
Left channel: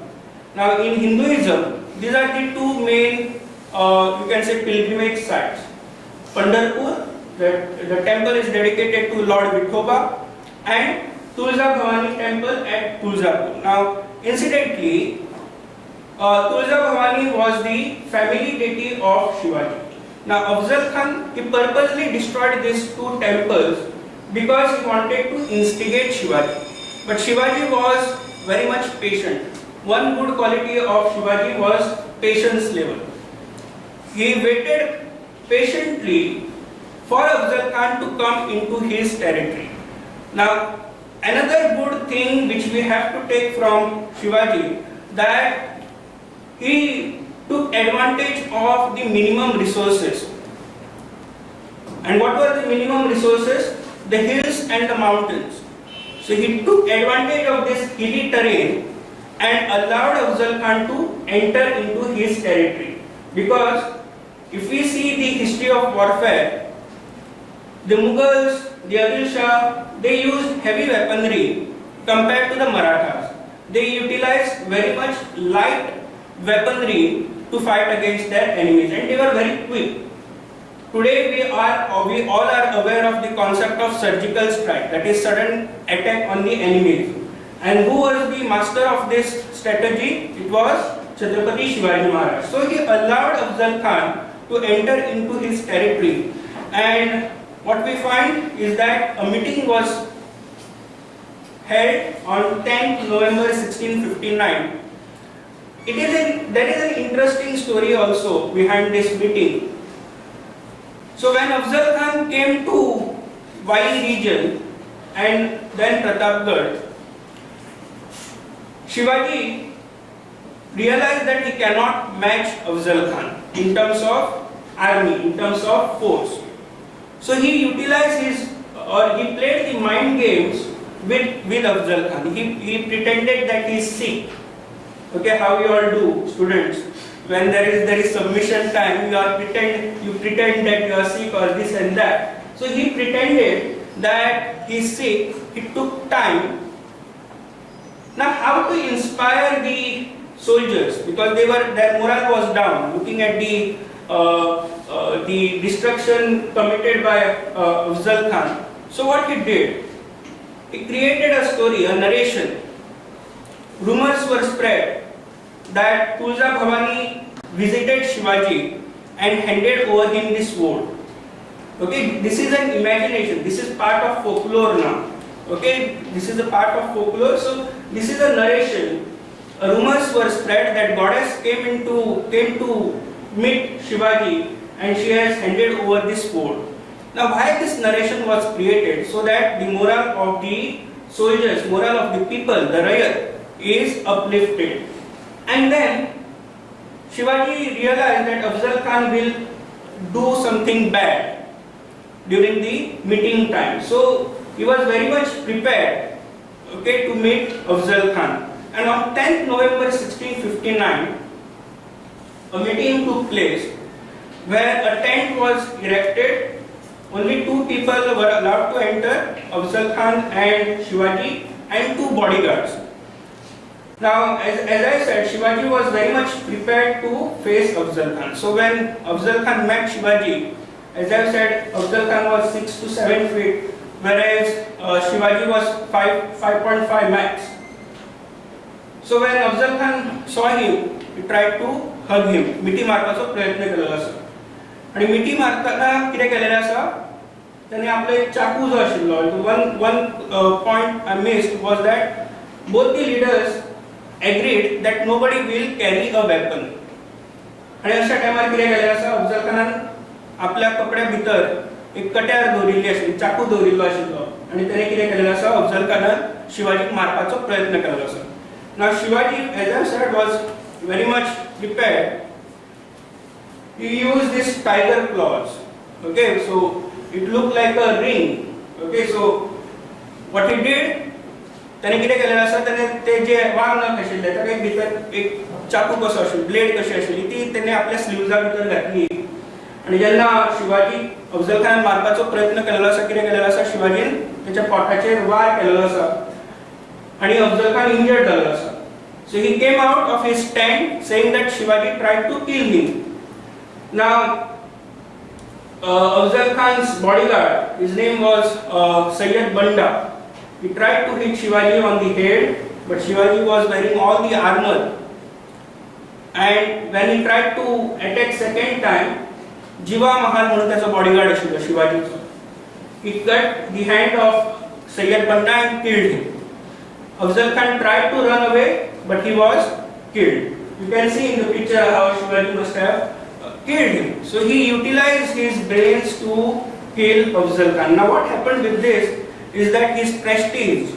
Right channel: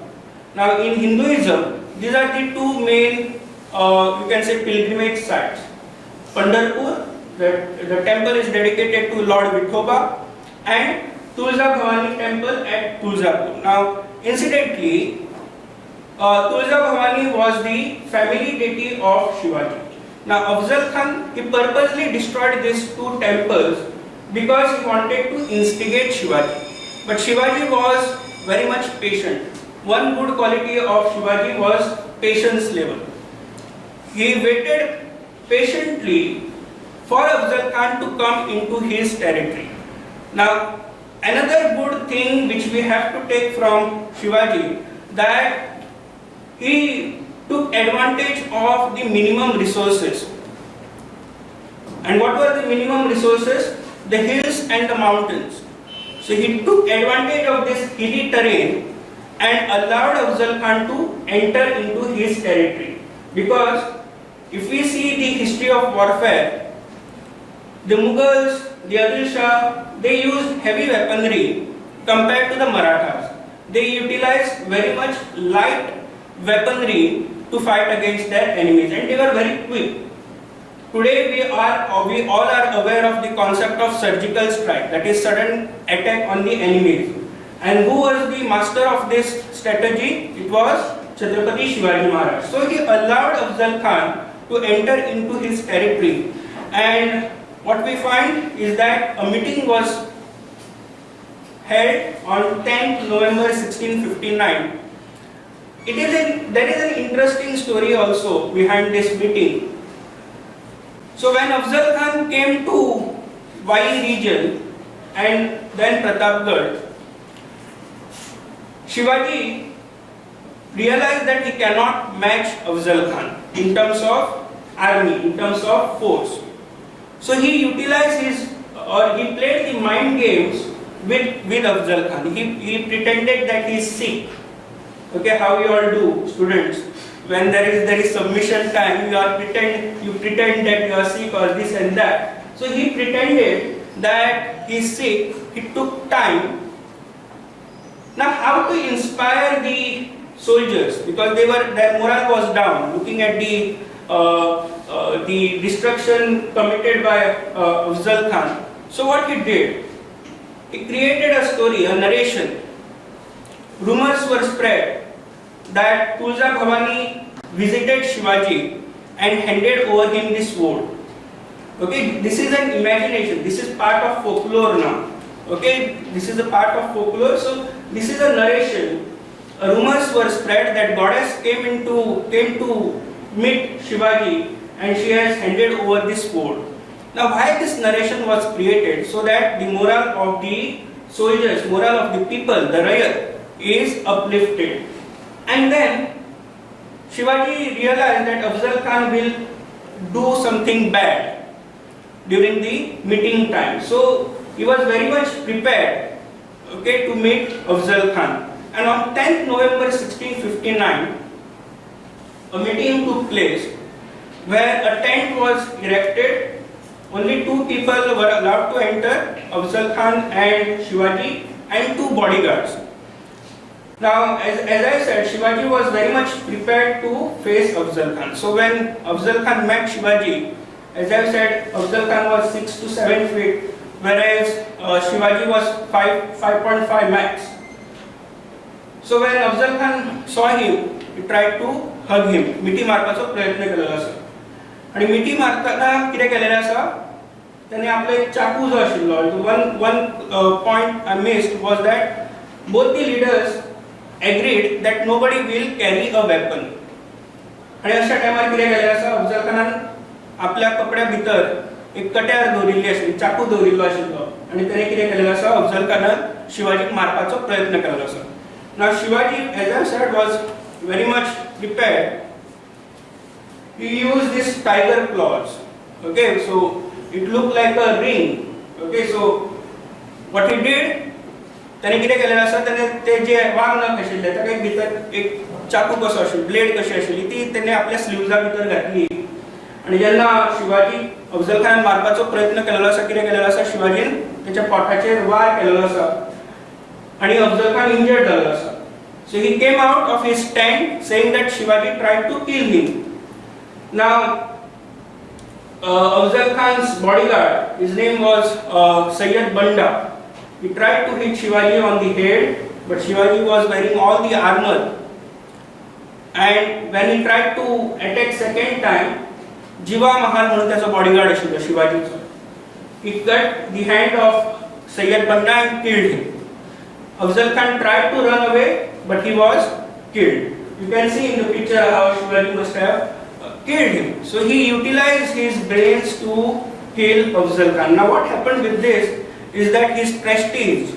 Now in Hinduism, these are the two main, you can say, pilgrimage sites. Pandharpur, the temple is dedicated to Lord Vithoba, and Tulsa Bhavani temple at Tulzapur. Now incidentally, Tulsa Bhavani was the family deity of Shivaji. Now Afzal Khan, he purposely destroyed these two temples because he wanted to instigate Shivaji. But Shivaji was very much patient. One good quality of Shivaji was patience level. He waited patiently for Afzal Khan to come into his territory. Now another good thing which we have to take from Shivaji, that he took advantage of the minimum resources. And what were the minimum resources? The hills and the mountains. So he took advantage of this hilly terrain and allowed Afzal Khan to enter into his territory. Because if we see the history of warfare, the Mughals, the Adil Shah, they used heavy weaponry compared to the Marathas. They utilized very much light weaponry to fight against their enemies, and they were very quick. Today we all are aware of the concept of surgical strike, that is sudden attack on the enemies. And who was the master of this strategy? It was Chhatrapati Shivaji Maharaj. So he allowed Afzal Khan to enter into his territory, and what we find is that a meeting was held on 10th November 1659. There is an interesting story also behind this meeting. So when Afzal Khan came to Vai region and then Pratapgarh, Shivaji realized that he cannot match Afzal Khan in terms of army, in terms of force. So he utilized he played the mind games with Afzal Khan. He pretended that he is sick. Okay, how you all do, students? When there is submission time, you pretend that you are sick or this and that. So he pretended that he is sick. He took time. Now, how to inspire the soldiers? Because their morale was down, looking at the destruction committed by Afzal Khan. So what he did? He created a story, a narration. Rumors were spread that Tulsa Bhavani visited Shivaji and handed over him this sword. Okay, this is an imagination. This is part of folklore now. Okay, this is a part of folklore. So this is a narration. Rumors were spread that goddess came to meet Shivaji and she has handed over this sword. Now, why this narration was created? So that the morale of the soldiers, morale of the people, the Rayat, is uplifted. And then Shivaji realized that Afzal Khan will do something bad during the meeting time. So he was very much prepared, okay, to meet Afzal Khan. And on 10th November 1659, a meeting took place where a tent was erected. Only two people were allowed to enter, Afzal Khan and Shivaji, and two bodyguards. Now, as I said, Shivaji was very much prepared to face Afzal Khan. So when Afzal Khan met Shivaji, as I said, Afzal Khan was 6 to 7 feet, whereas Shivaji was 5.5 max. So when Afzal Khan saw him, he tried to hug him. मिठी मारपाचो प्रयत्न केलेलो आसा. आणि मिठी मारतना कितें केलेलें आसा? त्याने आपलो एक चाकू जो आशिल्लो, one point I missed was that both the leaders agreed that nobody will carry a weapon. आणि अशा टायमार कितें केलें आसा? अफजल खानान आपल्या कपड्या भितर एक कट्यार दवरिल्ली आशिल्ली, चाकू दवरिल्लो आशिल्लो आणि त्याने कितें केलेलें आसा? अफजल खानान शिवाजीक मारपाचो प्रयत्न केलेलो आसा. Now Shivaji, as I said, was very much prepared. He used this tiger claws. Okay, so it looked like a ring. Okay, so what he did, त्याने कितें केलेलें आसा? त्याने ते जे वांग नख आशिल्ले ताका एक भितर एक चाकू कसो आशिल्लो, ब्लेड कशी आशिल्ली ती त्याने आपल्या स्लीव्जा भितर घातली. आणि जेन्ना शिवाजी अफजल खान मारपाचो प्रयत्न केलेलो आसा, कितें केलेलो आसा? शिवाजीन त्याच्या पोटाचेर वार केलेलो आसा आणि अफजल खान इंजर्ड जाल्लो आसा. So he came out of his tent saying that Shivaji tried to kill him. Now Afzal Khan's bodyguard, his name was Sayyid Banda. He tried to hit Shivaji on the head, but Shivaji was wearing all the armor. And when he tried to attack second time, Jiva Mahal म्हणून त्याचा bodyguard आशिल्लो शिवाजीचो. He cut the hand of Sayyid Banda and killed him. Afzal Khan tried to run away, but he was killed. You can see in the picture how Shivaji must have killed him. So he utilized his brains to kill Afzal Khan. Now what happened with this is that his prestige,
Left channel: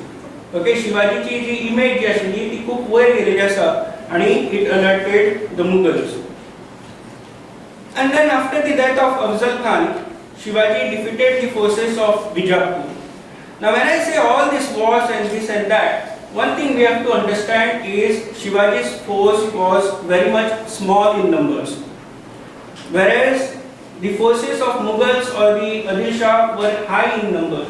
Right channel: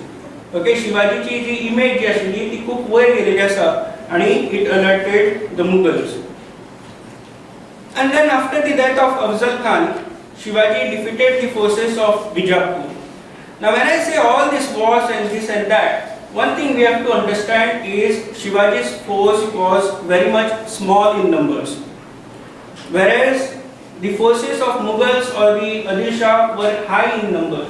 okay, Shivaji ची जी image जी आशिल्ली ती खूप वयर गेलेली आसा आणि it alerted the Mughals. And then after the death of Afzal Khan, Shivaji defeated the forces of Bijapur. Now when I say all these wars and this and that, one thing we have to understand is Shivaji's force was very much small in numbers, whereas the forces of Mughals or the Adil Shah were high in numbers.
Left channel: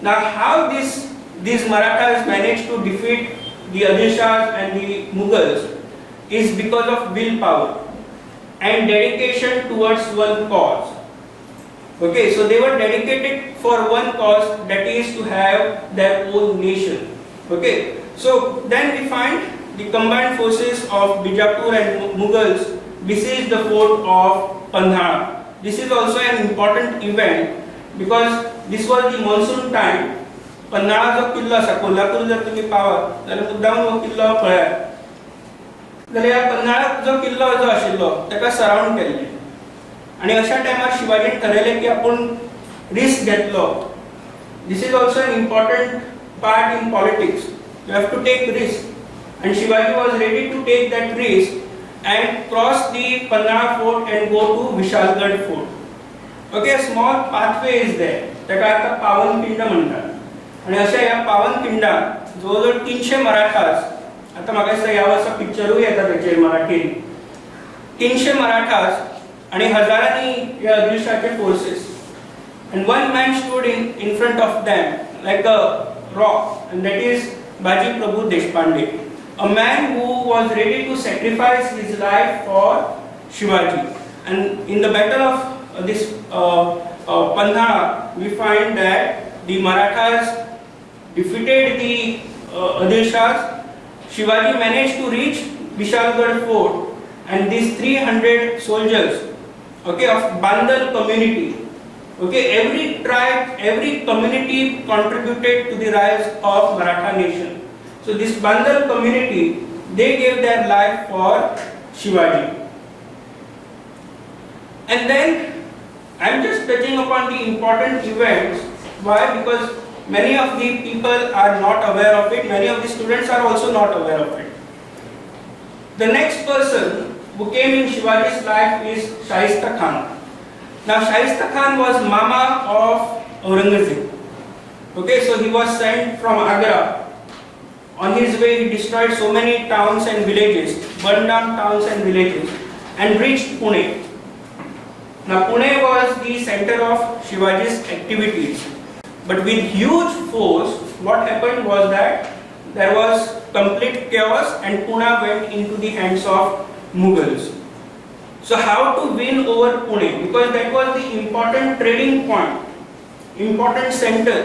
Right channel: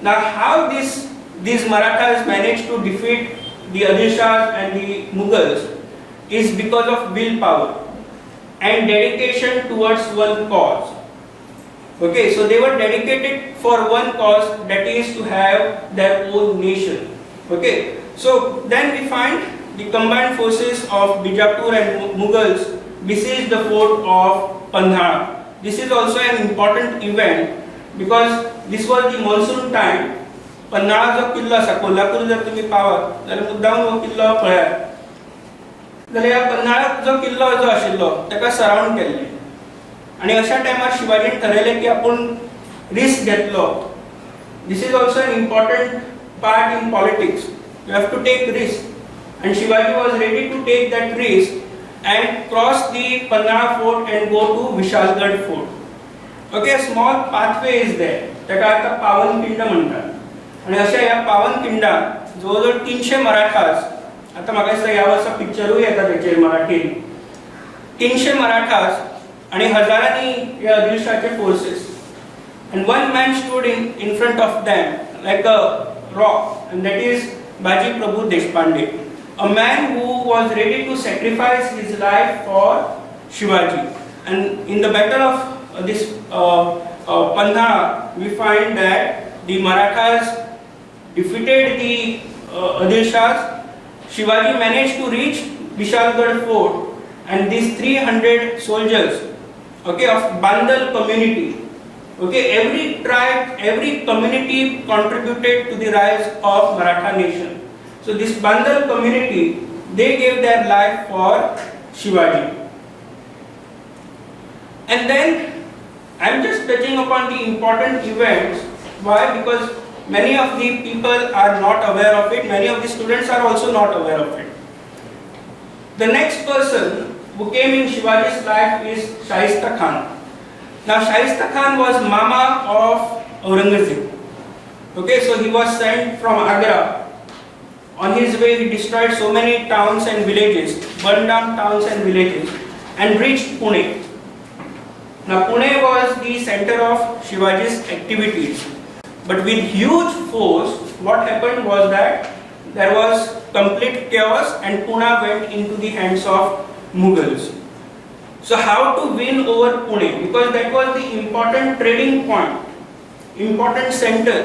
Now how these Marathas managed to defeat the Adil Shahs and the Mughals is because of willpower and dedication towards one cause. Okay, so they were dedicated for one cause, that is to have their own nation. Okay, so then we find the combined forces of Bijapur and Mughals besieged the fort of Pandhana. This is also an important event because this was the monsoon time. Pandhana जो किल्लो आसा, कोल्हापूर जर तुम्ही पावत जाल्यार मुद्दाम हो किल्लो पळयात. जाल्यार पंधाळा जो किल्लो जो आशिल्लो ताका सराउंड केल्ले आणि अशा टायमार शिवाजीन ठरयलें की आपण रिस्क घेतलो. This is also an important part in politics. You have to take risk, and Shivaji was ready to take that risk and cross the Pandhana fort and go to Vishalgarh fort. Okay, a small pathway is there. ताका आता पावनखिंड म्हणतात. आणि अशा या पावनखिंडात जवळजवळ 300 मराठास, आता म्हाका दिसता ह्या वर्सा पिक्चरूय येता तेचेर मराठीन, 300 मराठास आणि हजारांनी या आदिलशाहचे forces. And one man stood in front of them like a rock, and that is Baji Prabhu Deshpande, a man who was ready to sacrifice his life for Shivaji. And in the battle of this Pandhana, we find that the Marathas defeated the Adil Shahs. Shivaji managed to reach Vishalgarh fort, and these 300 soldiers, okay, of Bandal community, okay, every tribe, every community contributed to the rise of Maratha nation. So this Bandal community, they gave their life for Shivaji. And then I'm just touching upon the important events. Why? Because many of the people are not aware of it. Many of the students are also not aware of it. The next person who came in Shivaji's life is Shaista Khan. Now Shaista Khan was Mama of Aurangzeb. Okay, so he was sent from Agra. On his way he destroyed so many towns and villages, burned down towns and villages, and reached Pune. Now Pune was the center of Shivaji's activities. But with huge force, what happened was that there was complete chaos and Pune went into the hands of Mughals. So how to win over Pune? Because that was the important trading point, important center.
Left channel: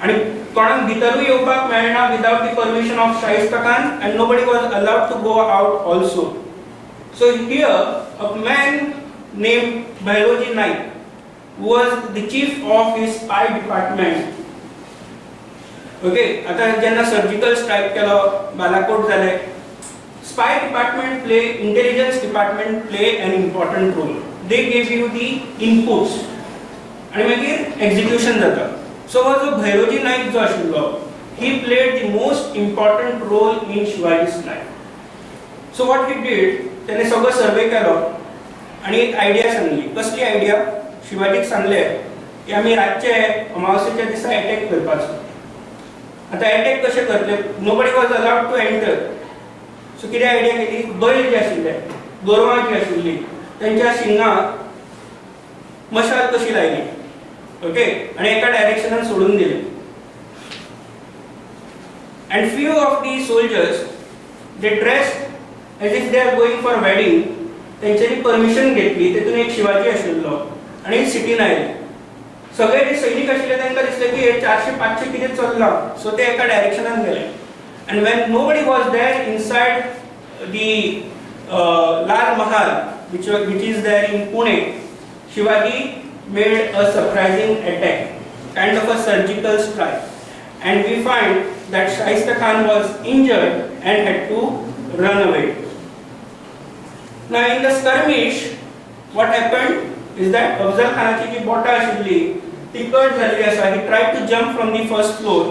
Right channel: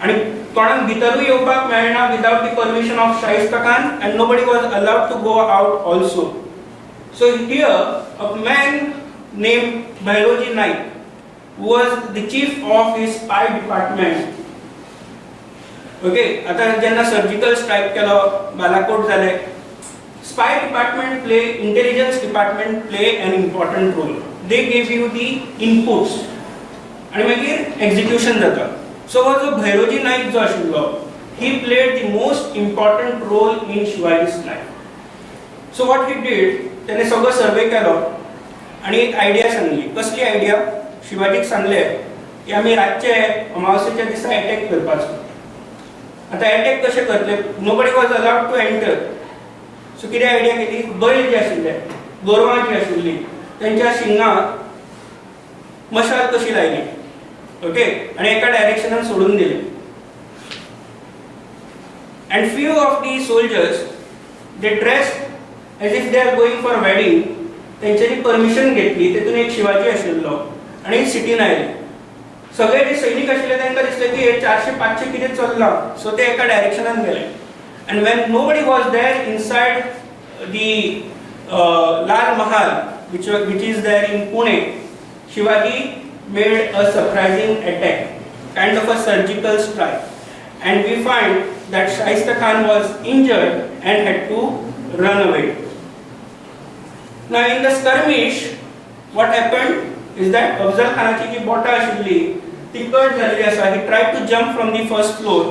And कोणाक भितरूय येवपाक मेळना without the permission of Shaista Khan, and nobody was allowed to go out also. So here a man named Bhairoji Naik, who was the chief of his spy department. Okay, आता जेन्ना surgical strike केलो, बालाकोट जाले, spy department play, intelligence department play an important role. They gave you the inputs आणि मागीर execution जाता. So was जो Bhairoji Naik जो आशिल्लो, he played the most important role in Shivaji's life. So what he did, त्याने सगळं सर्वे केलो आणि एक आयडिया सांगली. कसली आयडिया? शिवाजीक सांगले की आमी रातचे अमावस्येच्या दिसा अटॅक करपाचो. आता अटॅक कशे करतले? Nobody was allowed to enter. So कितें आयडिया केली? बैल जे आशिल्ले, गोरवां जी आशिल्ली, त्यांच्या शिंगाक मशाल कशी लायली, ओके, आणि एका डायरेक्शनान सोडून दिले. And few of the soldiers, they dressed as if they are going for wedding. त्यांच्यानी परमिशन घेतली. तेतून एक शिवाजी आशिल्लो आणि सिटीन आयले. सगळे जे सैनिक आशिल्ले तांकां दिसलें की 400-500 कितें चल्लां. सो ते एका डायरेक्शनान गेले. And when nobody was there inside the Lal Mahal, which is there in Pune, Shivaji made a surprising attack, kind of a surgical strike. And we find that Shaista Khan was injured and had to run away. Now in the skirmish, what happened is that Afzal Khanaची जी बोटा आशिल्ली ती cut जाल्ली आसा. He tried to jump from the first floor,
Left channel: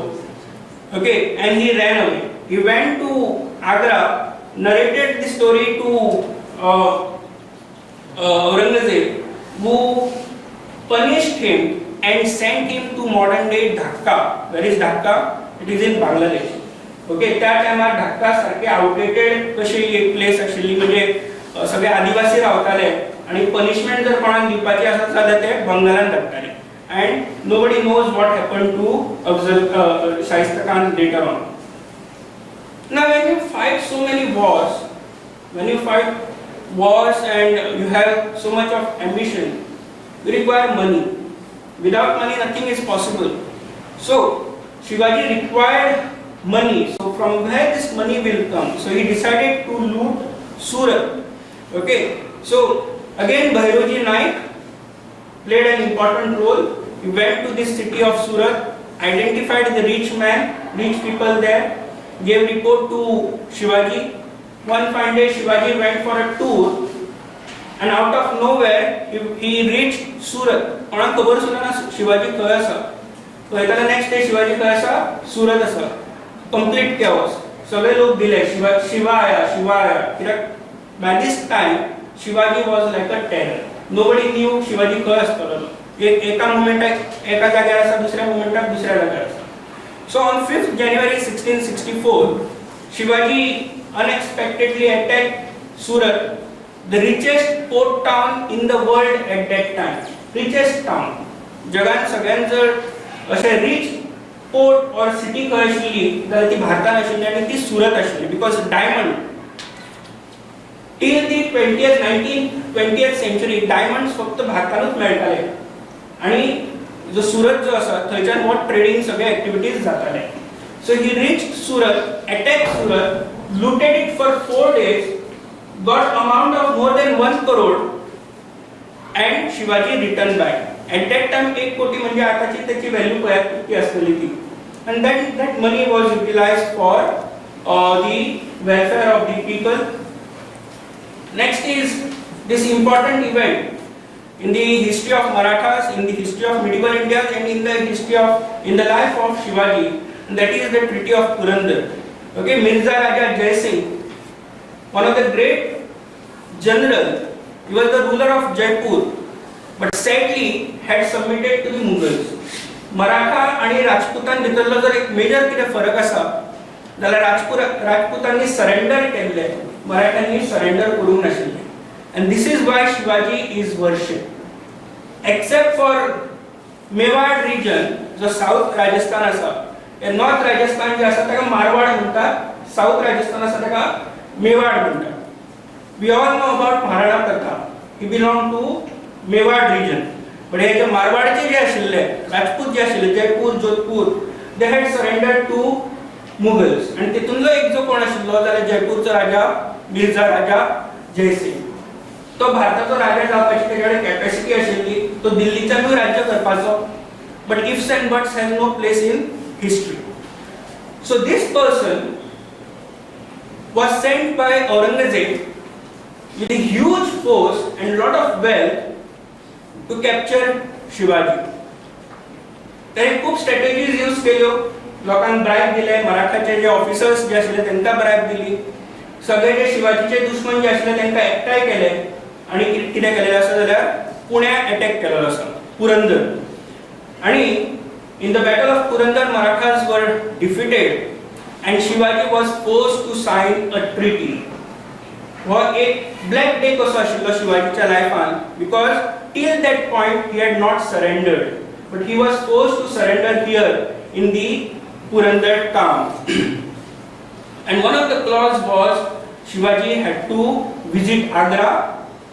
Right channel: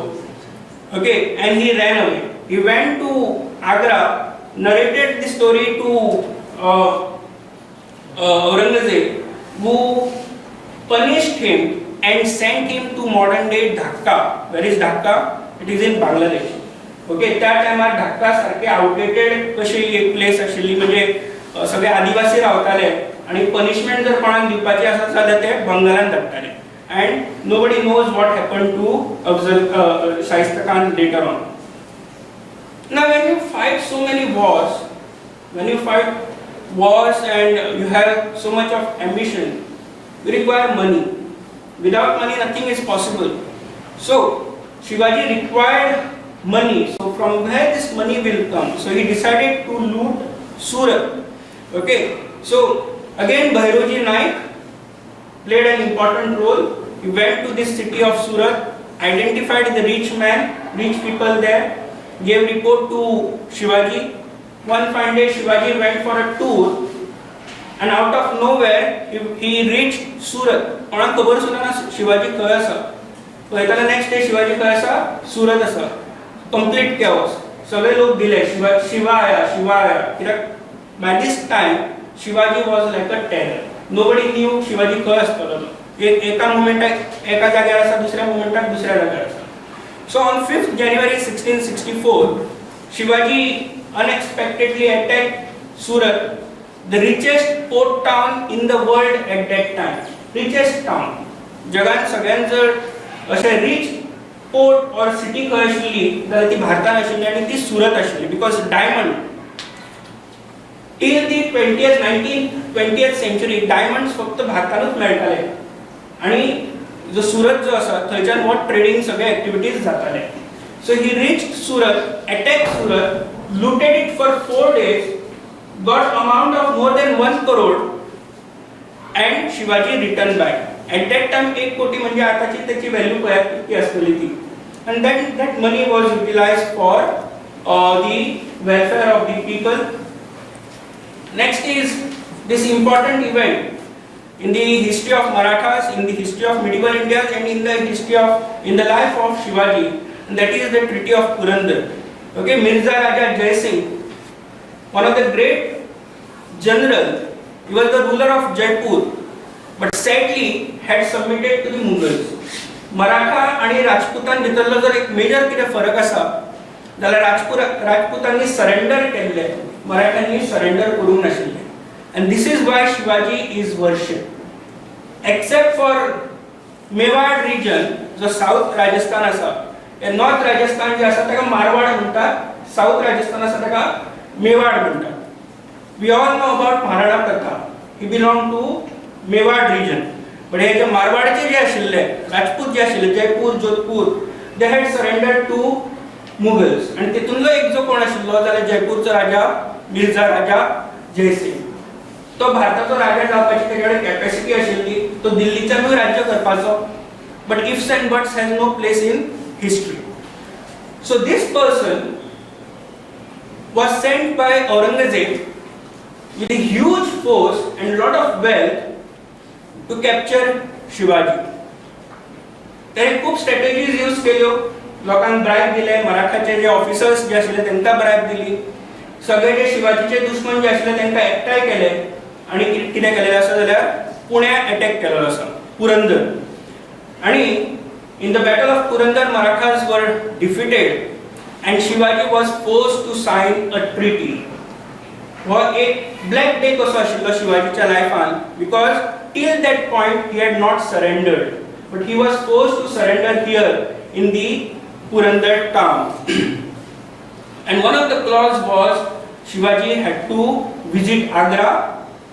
okay, and he ran away. He went to Agra, narrated the story to Aurangzeb, who punished him and sent him to modern day Dhaka. Where is Dhaka? It is in Bangladesh. Okay, त्या टायमार ढाका सारखे outdated कशी एक place आशिल्ली, म्हणजे सगळे आदिवासी रावताले आणि पनिशमेंट जर कोणाक दिवपाची आसा जाल्यार ते बंगालान धाडटाले. And nobody knows what happened to Shaista Khan later on. Now when you fight so many wars, and you have so much of ambition, you require money. Without money nothing is possible. So Shivaji required money. So from where this money will come? So he decided to loot Surat. Okay, so again Bhairoji Naik played an important role. He went to this city of Surat, identified the rich people there, gave report to Shivaji. One fine day Shivaji went for a tour, and out of nowhere he reached Surat. कोणाक खबर सुद्दां ना शिवाजी खंय आसा. पळयताले next day Shivaji खंय आसा? सुरत आसा. Complete chaos. सगळे लोक दिले शिवा आया. कित्याक by this time Shivaji was like a terror. Nobody knew Shivaji खंय आसतलो. एका मोमेंटाक एका जाग्यार आसा, दुसऱ्या मोमेंटाक दुसऱ्या जाग्यार आसा. So on 5th January 1664, Shivaji unexpectedly attacked Surat, the richest port town in the world at that time. Richest town. जगान सगळ्यांत जर अशें रिच पोर्ट और सिटी खंय आशिल्ली जाल्यार ती भारतान आशिल्ली आनी ती सुरत आशिल्ली. Because diamond till the 20th century diamonds फक्त भारतानूच मेळटाले आनी जो सुरत जो आसा थंयच्यान हो ट्रेडिंग सगळे एक्टिविटीज जाताले. So he reached Surat, attack Surat, looted it for 4 days, got amount of more than 1 crore, and Shivaji returned back. At that time 1 कोटी म्हणजे आताची त्याची व्हॅल्यू पळयात किती असलेली ती. And then that money was utilized for the welfare of the people. Next is this important event in the history of Marathas, in the history of medieval India, and in the life of Shivaji, and that is the Treaty of Purandar. Okay, Mirza Raja Jai Singh, one of the great general, he was the ruler of Jaipur, but sadly had submitted to the Mughals. Maratha आणि राजपुतान भितरलो जर एक major कितें फरक आसा जाल्यार राजपुतांनी surrender केल्ले, मराठ्यांनी सरेंडर करूंक नाशिल्ले. And this is why Shivaji is worshipped. Except for Mewar region, जो साउथ राजस्थान आसा, नॉर्थ राजस्थान जे आसा ताका मारवाड म्हणटात, साऊथ राजस्थान आसा ताका मेवाड म्हणटात. We all know about Maharana Pratap. He belong to Mewar region. पण हे जे मारवाडचे जे आशिल्ले राजपूत जे आशिल्ले Jaipur Jodhpur they had surrendered to Mughals. आणि तितूनलो एक जो कोण आशिल्लो जाल्यार जयपूरचो राजा मिर्झा राजा जयसिंग. तो भारताचो राजा जावपाची तेजे कडेन कॅपॅसिटी आशिल्ली. तो दिल्लीच्यानूय राज्य करपाचो. But ifs and buts has no place in history. So this person was sent by Aurangzeb with a huge force and lot of wealth to capture Shivaji. त्याने खूप स्ट्रॅटेजीज यूज केल्यो. लोकांक ब्रायब दिले. मराठाचे जे ऑफिसर्स जे आशिल्ले तांकां bribe दिली. सगळे जे शिवाजीचे दुश्मन जे आशिल्ले तांकां एकठांय केले आणि कितें केलेलें आसा जाल्यार पुण्या अटॅक केलेलो आसा, पुरंदर. आणि in the battle of Purandar, Marathas were defeated and Shivaji was forced to sign a treaty. हो एक ब्लॅक डे कसो आशिल्लो शिवाजीच्या लायफान, because till that point he had not surrendered, but he was forced to surrender here in the Purandar town. And one of the clause was Shivaji had to visit Agra.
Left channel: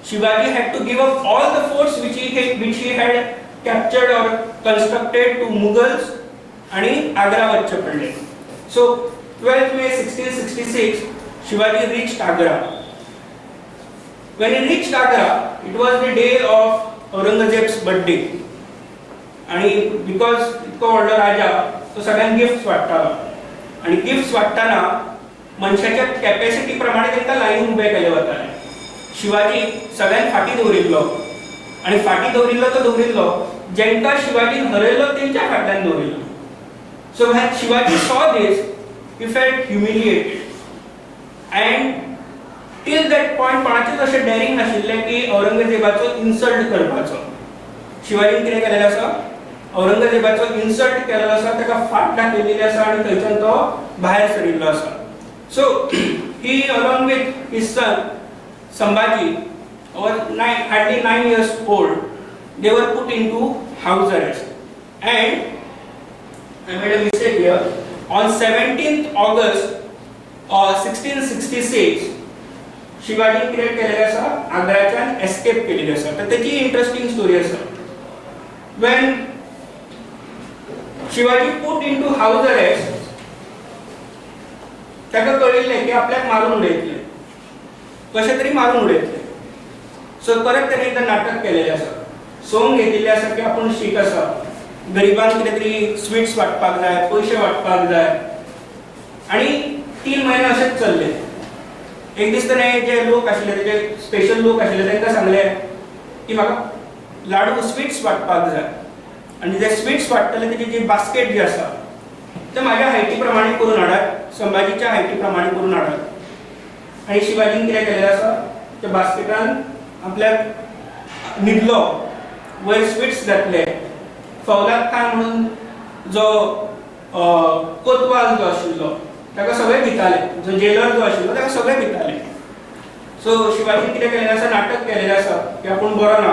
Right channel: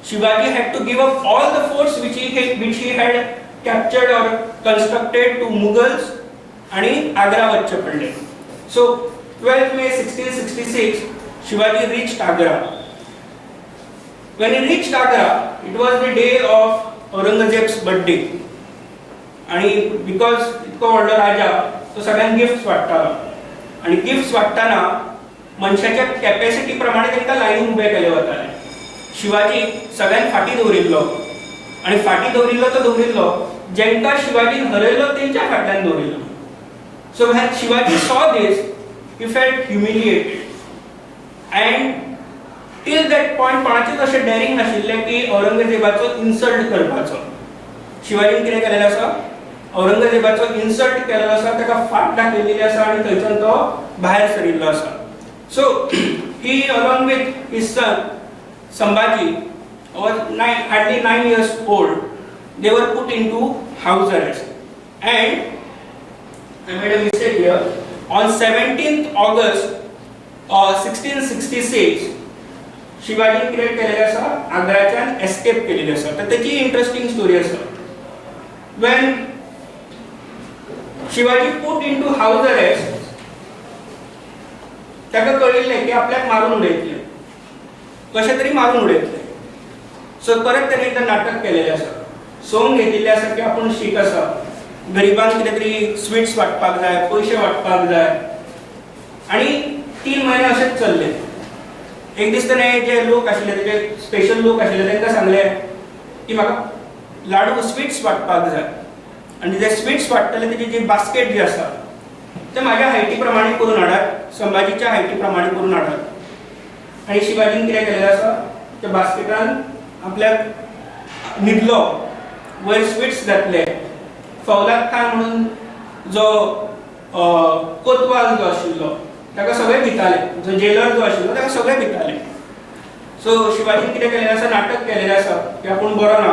Shivaji had to give up all the forts which he had captured or constructed to Mughals आणि आग्रा वच्चे पडले. So 12th May 1666 Shivaji reached Agra. When he reached Agra, it was the day of Aurangzeb's birthday. आणि because इतको व्हडलो राजा तो सगळ्यांक gifts वाडटालो. आणि gifts वाडटाना मनशाच्या कॅपॅसिटी प्रमाणे तांकां लायनीन उबे केले वताले. शिवाजी सगळ्यांक फाटी दवरिल्लो आणि फाटी दवरिल्लो तो दवरिल्लो जेंकां शिवाजीन हरयलो तेंच्या फाटल्यान दवरिल्लो. So when Shivaji saw this he felt humiliated. And till that point कोणाचेच अशें डेरिंग नाशिल्लें की औरंगजेबाचो इन्सल्ट करपाचो. शिवाजीन कितें केलेलें आसा, औरंगजेबाचो इन्सल्ट केलेलो आसा, ताका फाट दाखयलेली आसा आनी थंयच्यान तो भायर सरिल्लो आसा. So he along with his son Sambhaji was hardly 9 years old. They were put into house arrest. And I made a mistake here. On 17th August 1666 Shivaji कितें केलेलें आसा, आग्राच्यान एस्केप केलेली आसा. तर त्याची इंटरेस्टिंग स्टोरी आसा. When Shivaji put into house arrest, ताका कळिल्लें की आपल्याक मारून उडयतले, कशें तरी मारून उडयतले. सो परत त्याने एकदा नाटक केलेले आसा. सोंग घेतिल्ले आसा की आपूण शीक आसा, गरिबांक कितें तरी स्वीट्स वाटपाक जाय, पयशे वाटपाक जाय. आणि 3 महिने अशेंच चल्ले. एक दीस ताणें जे लोक आशिल्ले, तेजे स्पेशल लोक आशिल्ले, तांकां सांगलें की म्हाका लाडू स्वीट्स वाटपाक जाय. आणि जे स्वीट्स वाटतले तेजी जी बास्केट जी आसा ते म्हाज्या हायटी प्रमाणे करून हाडात, संभाजीच्या हायटी प्रमाणे करून हाडात. आणि शिवाजीन कितें केलेलें आसा, त्या बास्केटान आपल्याक न्हिदलो, वयर स्वीट्स घातले. फौलाद खान म्हणून जो कोतवाल जो आशिल्लो ताका सगळे भिताले, जो जेलर जो आशिल्लो ताका सगळे भिताले. सो शिवाजीन कितें केलेलें आसा, नाटक केलेलें आसा की आपूण बरो ना,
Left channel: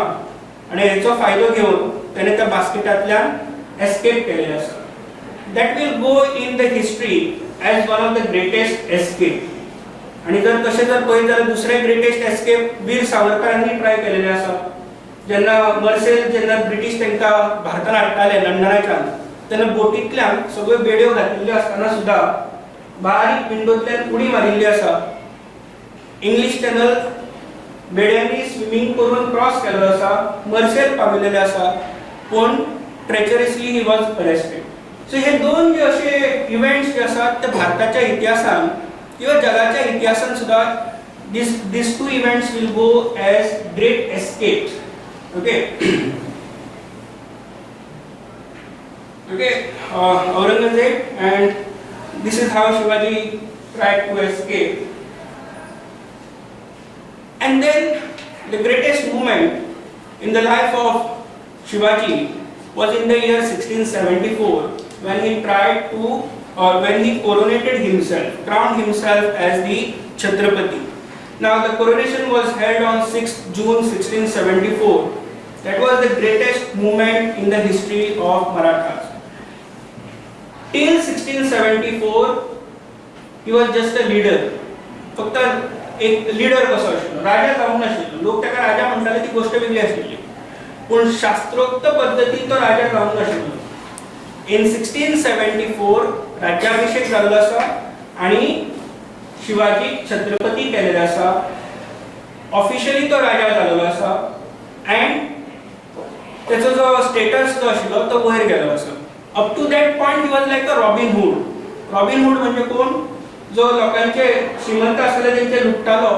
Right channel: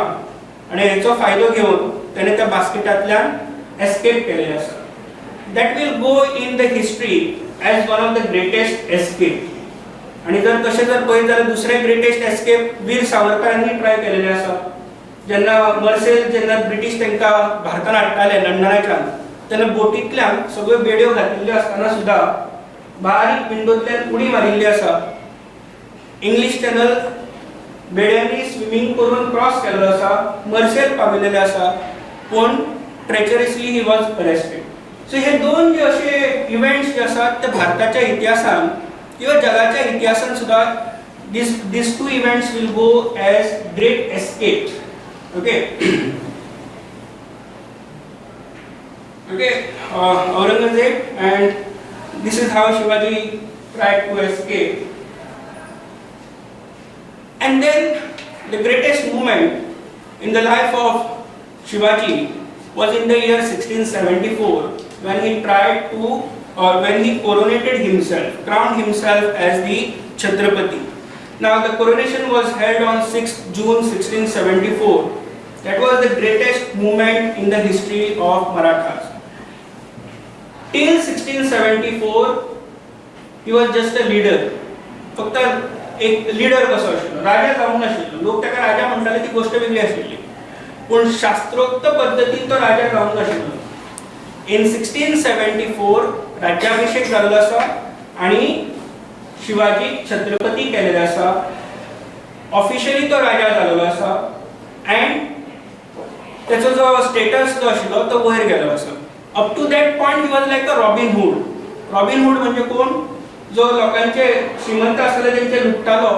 आणि हेचो फायदो घेवन ताणें त्या बास्केटांतल्यान एस्केप केलेलें आसा. That will go in the history as one of the greatest escape. आणि जर तशें जर पळयत जाल्यार दुसरें ग्रेटेस्ट एस्केप वीर सावरकरांनी ट्राय केलेलें आसा. जेन्ना मर्सेल जेन्ना ब्रिटीश तांकां भारतांत हाडटाले लंडनाच्यान, तेन्ना बोटींतल्यान सगळ्यो बेड्यो घातिल्ल्यो आसतना सुद्दां बारीक विंडोंतल्यान उडी मारिल्ली आसा. इंग्लीश चॅनल बेड्यांनी स्विमींग करून क्रॉस केलेलो आसा, मर्सेल पाविल्लेले आसा, पूण ट्रेचरसली ही वॉज अरेस्टेड. सो हे दोन जे अशे इव्हेंट्स जे आसात ते भारताच्या इतिहासान किंवा जगाच्या इतिहासान सुद्धा these two events will go as great escapes. Okay. Aurangzeb, and this is how Shivaji tried to escape. And then the greatest moment in the life of Shivaji was in the year 1674 when he tried to when he coronated himself, crowned himself as the Chhatrapati. Now the coronation was held on 6th June 1674. That was the greatest moment in the history of Marathas. till 1674 he was just a leader. फक्त एक leader कसो आशिल्लो, राजा जावंक नाशिल्लो. लोक ताका राजा म्हणटाले ती गोष्ट वेगळी आशिल्ली, पूण शास्त्रोक्त पद्दतीन तो राजा जावंक नाशिल्लो. इन 1674 राज्याभिषेक जाल्लो आसा आनी शिवाजी छत्रपती केलेलो आसा. ऑफिशियली तो राजा जाल्लो आसा अँड त्याचो जो स्टेटस जो आशिल्लो तो वयर गेलो आसा. Up to that point he was like a Robin Hood. Robin Hood म्हणजे कोण? जो लोकांचे श्रीमंत आसले तेंचे लुटतालो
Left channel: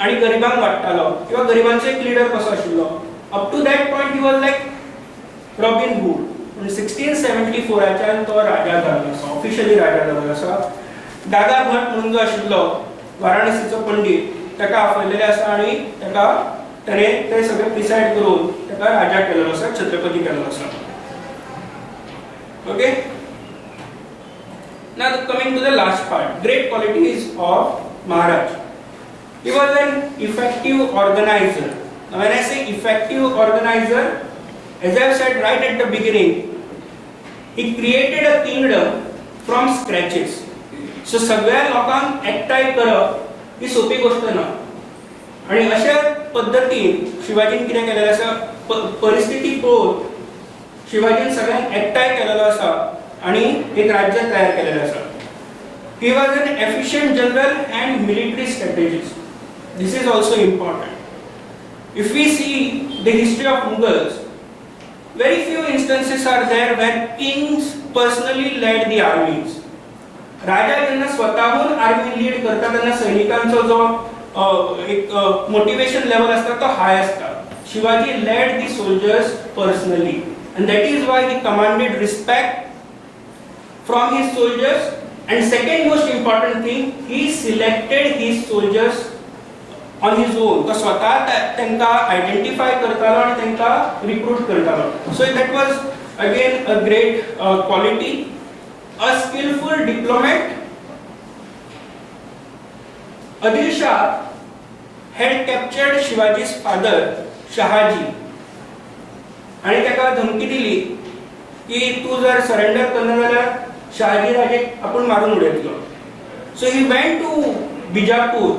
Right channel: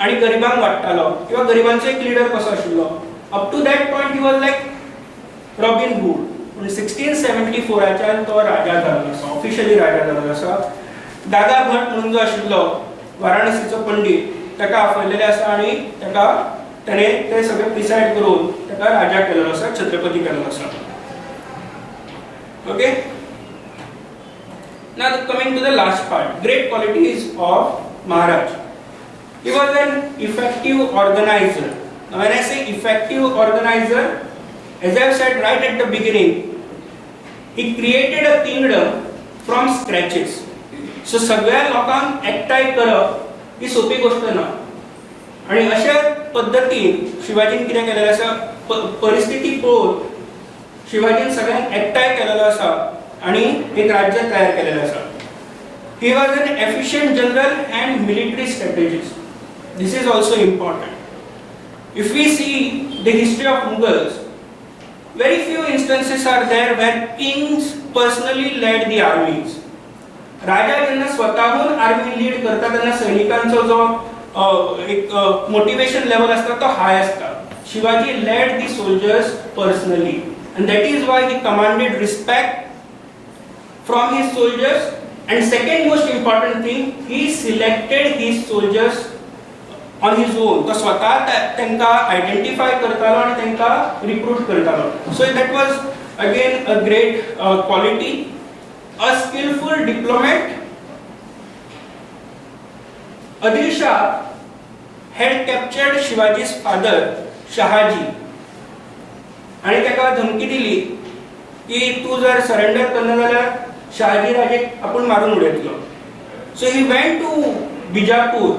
आणि गरिबांक वाडटालो किंवा गरिबांचो एक लीडर कसो आशिल्लो. Up to that point he was like Robin Hood. पण 1674च्यान तो राजा जाल्लो आसा, ऑफिशियली राजा जाल्लो आसा. दादा भट म्हणून जो आशिल्लो वाराणसीचो पंडित ताका आपयलेले आसा आणि ताणे ते सगळे प्रिसाइड करून ताका राजा केलेलो आसा, छत्रपती केलेलो आसा. Okay, now coming to the last part, great qualities of Maharaj. He was an effective organizer. Now when I say effective organizer, as I have said right at the beginning, he created a kingdom from scratches. So सगळ्या लोकांक एकठांय करप ही सोपी गोष्ट ना. आणि अशा पद्धतीन शिवाजीन कितें केलेलें आसा, परिस्थिती पळोवन शिवाजीन सगळ्यांक एकठांय केलेलो आसा आणि एक राज्य तयार केलेलं आसा. He was an efficient general and military strategist. This is also important. If we see the history of Mughals, very few instances are there where kings personally led the armies. राजा जेन्ना स्वतःहून आर्मी लीड करता तेन्ना सैनिकांचो जो एक motivation level असता तो हाय असता. Shivaji led the soldiers personally and that is why he commanded respect from his soldiers. And second most important thing, he selected his soldiers on his own. तो स्वतः त्यांना आयडेंटिफाय करतालो आणि त्यांना रिक्रूट करतालो. So that was again a great quality. A skillful diplomat. Adil Shah had captured Shivaji's father Shahaji आणि त्याका धमकी दिली की तू जर सरेंडर करना जाल्यार शहाजी राजेक आपण मारून उडयतलो. So he went to Bijapur,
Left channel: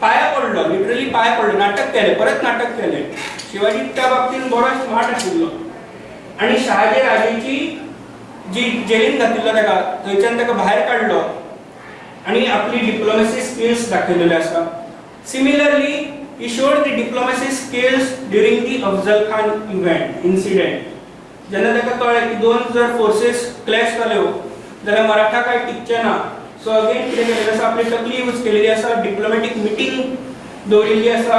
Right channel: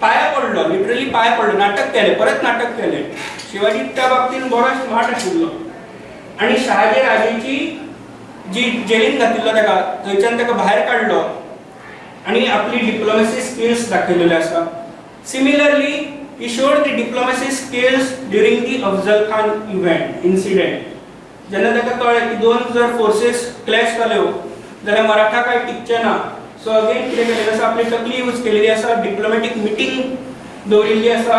पाया पडलो, लिटरली पाया पडलो, नाटक केले, परत नाटक केले. शिवाजी त्या बाबतीन बरो स्मार्ट आशिल्लो आणि शहाजी राजेची जी जेलीन घातिल्लो ताका थंयच्यान ताका भायर काडलो आणि आपली डिप्लोमॅसी स्किल्स दाखयलेले आसा. Similarly he showed the diplomacy skills during the Afzal Khan incident. जेन्ना ताका कळ्ळें की दोन जर फोर्सेस क्लॅश जाल्यो जाल्यार मराठा काय टिकचे ना. सो अगेन कितें केलेलें आसा, आपली तकली यूज केलेली आसा, डिप्लोमॅटीक मिटींग दवरिल्ली आसा.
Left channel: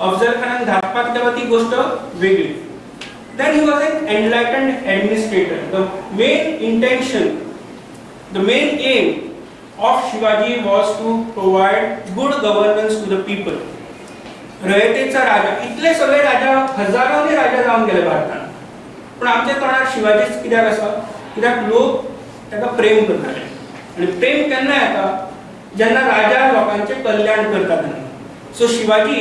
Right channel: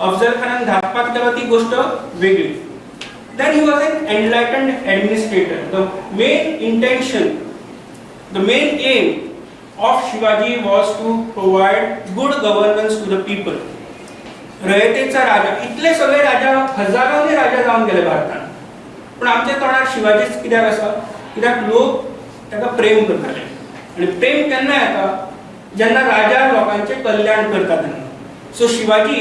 अफजल खानान धाडपाक तेव्हा ती गोष्ट वेगळी. Then he was an enlightened administrator. The main intention, the main aim of Shivaji was to provide good governance to the people. रयतेचा राजा, इतले सगळे राजा, हजारांनी राजा जाऊन गेले भारतान, पण आमच्या तोंडार शिवाजीच कित्याक आसा? कित्याक लोक ताका प्रेम करताले आणि प्रेम केन्ना येता? जेन्ना राजा लोकांचे कल्याण करता तेन्ना. सो शिवाजी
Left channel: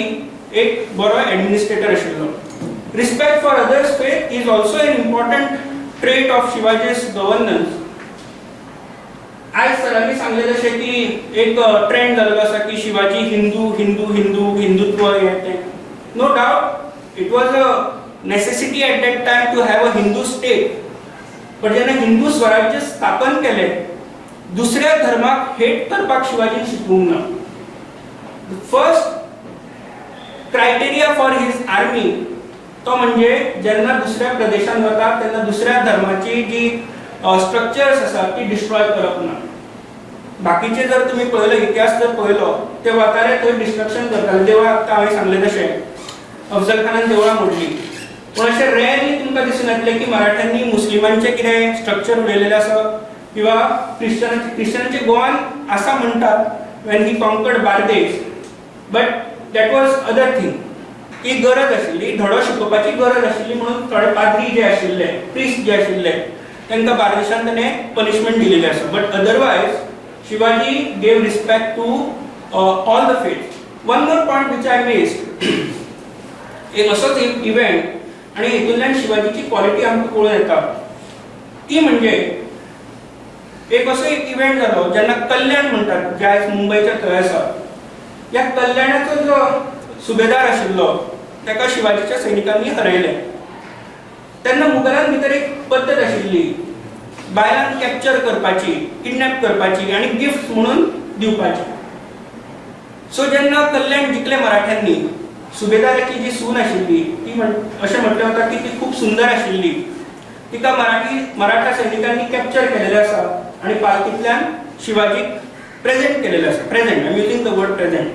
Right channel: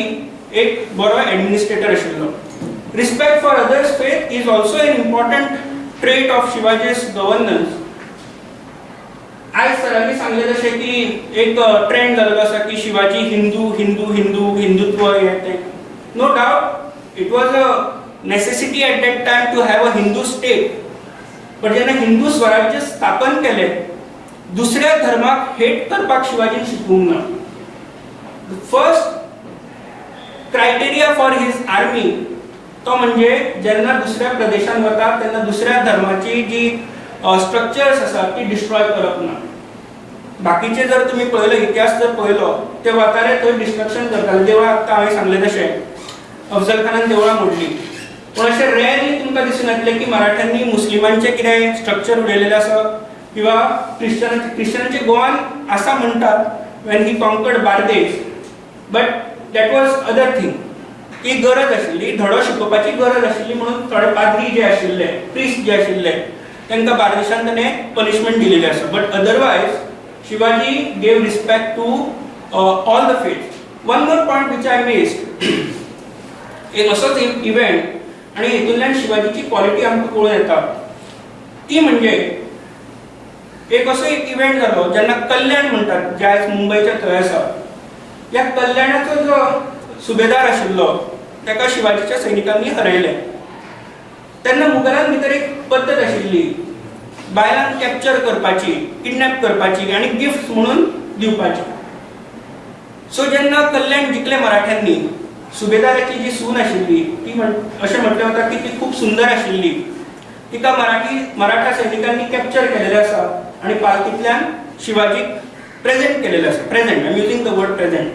एक बरो एडमिनिस्ट्रेटर आशिल्लो. Respect for others faith is also an important trait of Shivaji's governance. आज सरांनी सांगले जशें की एक ट्रेंड जाल्लो आसा की शिवाजी हिंदू हिंदू हिंदू हिंदुत्व येते. No doubt it was a necessity at that time to have a Hindu state. पण जेन्ना हिंदू स्वराज्य स्थापन केले, दुसऱ्या धर्माक हेट करपाक शिवाजीन शिकवूंक ना. First criteria for his army तो म्हणजे जेन्ना दुसऱ्या प्रदेशांत वता तेन्ना दुसऱ्या धर्माची जी स्ट्रक्चर्स आसा ती डिस्ट्रॉय करप ना. बाकीचे जर तुम्ही पळयलो, इतिहास जर पळयलो, ते वताले थंय डिस्ट्रक्शन करताले. देवळां आतां हांवें सांगलें तशें अफजल खानान देवळां मोडली. पूण अशें रेअरली तुमकां दिसून येतलें की मराठ्यांनी मुस्लिमांचे कितें स्ट्रक्चर उडयलेलें आसा किंवा क्रिश्चनांचे गोवान आसा म्हणटात when he conquered Bardez. But that was other thing. ही गरज आशिल्ली, धडो शिकोवपाची गरज आशिल्ली म्हणून थोडे पाद्री जे आशिल्ले, प्रिस्ट जे आशिल्ले, तांकां बार्देशांत ताणें पनिशमेंट दिलेली आसा. But otherwise Shivaji gave respect to all the faith. One more point which I missed, एक असोच इव्हेंट आणि हितूंतल्यान शिवाजीची क्वॉलिटी आमकां कळून येता. ती म्हणजे एक असो एक इव्हेंट जालो जेन्ना कल्याण म्हणटात जे आयज मुंबयच्या थंय आसा. ह्या कल्याणाचो जो सुबेदार आशिल्लो ताका शिवाजीच्या सैनिकांनी हरयलें. तेन्ना मुघलां भितर एक पद्दत आशिल्ली बायलांक कॅप्चर करपाची, किडनॅप करपाची आनी गिफ्ट म्हणून दिवपाची. सो जेन्ना कल्याण जिखलें मराठ्यांनी, सुबेदाराची जी सून आशिल्ली ती अशें म्हटलें वता की ती खूप सुंदर आशिल्ली. तिका मराठा सैनिकांनी कॅप्चर केलेलें आसा आनी पालखींतल्यान शिवाजीक प्रेझेंट केलेलें आसा. Present, I am using the word present.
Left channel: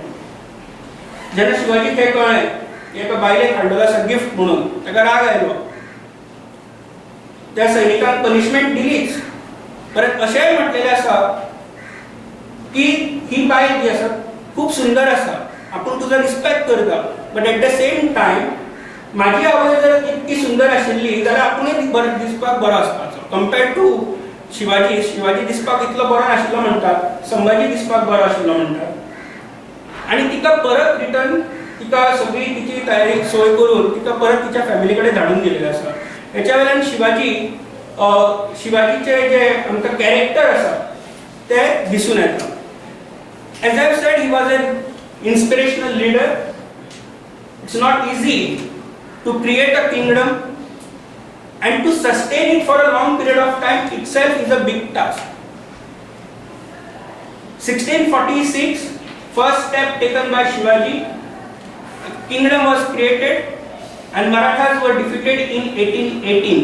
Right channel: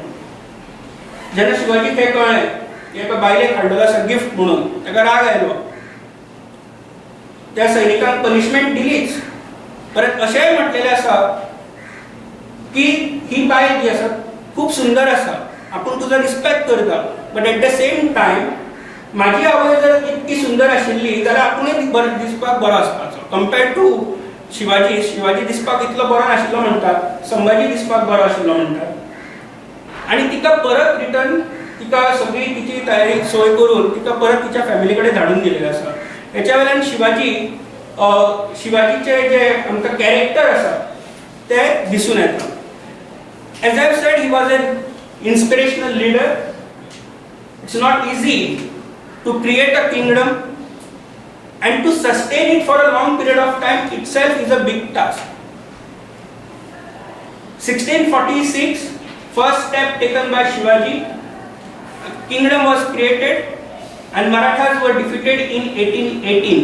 जेन्ना शिवाजीक हें कळ्ळें की एका बायलेक हाडलेलो आसा गिफ्ट म्हणून, ताका राग आयलो. त्या सैनिकांक पनिशमेंट दिलीच, परत अशेंय म्हटलेलें आसा की ही बायल जी आसा खूप सुंदर आसा, आपूण तुजो रिस्पेक्ट करता, but at the same time म्हाजी आवय जर इतकी सुंदर आशिल्ली जाल्यार आपुणूय बरो दिसपाक बरो आसपाचो. कंपेर्ड टू शिवाजी दिसपाक इतलो बरो नाशिल्लो म्हणटात, संभाजी दिसपाक बरो आशिल्लो म्हणटात. आनी तिका परत रिटर्न तिका सगळी तिची तयारी सोय करून तिका परत तिच्या फॅमिली कडेन धाडून दिलेलें आसा. हेच्या वेल्यान शिवाजीचे जे आमकां कॅरेक्टर आसा ते दिसून येता. As I said, he was an inspirational leader. It's not easy to create a kingdom and to sustain it for a long period of time itself is a big task. 1646, first step taken by Shivaji, a kingdom was created and Marathas were defeated in 1818.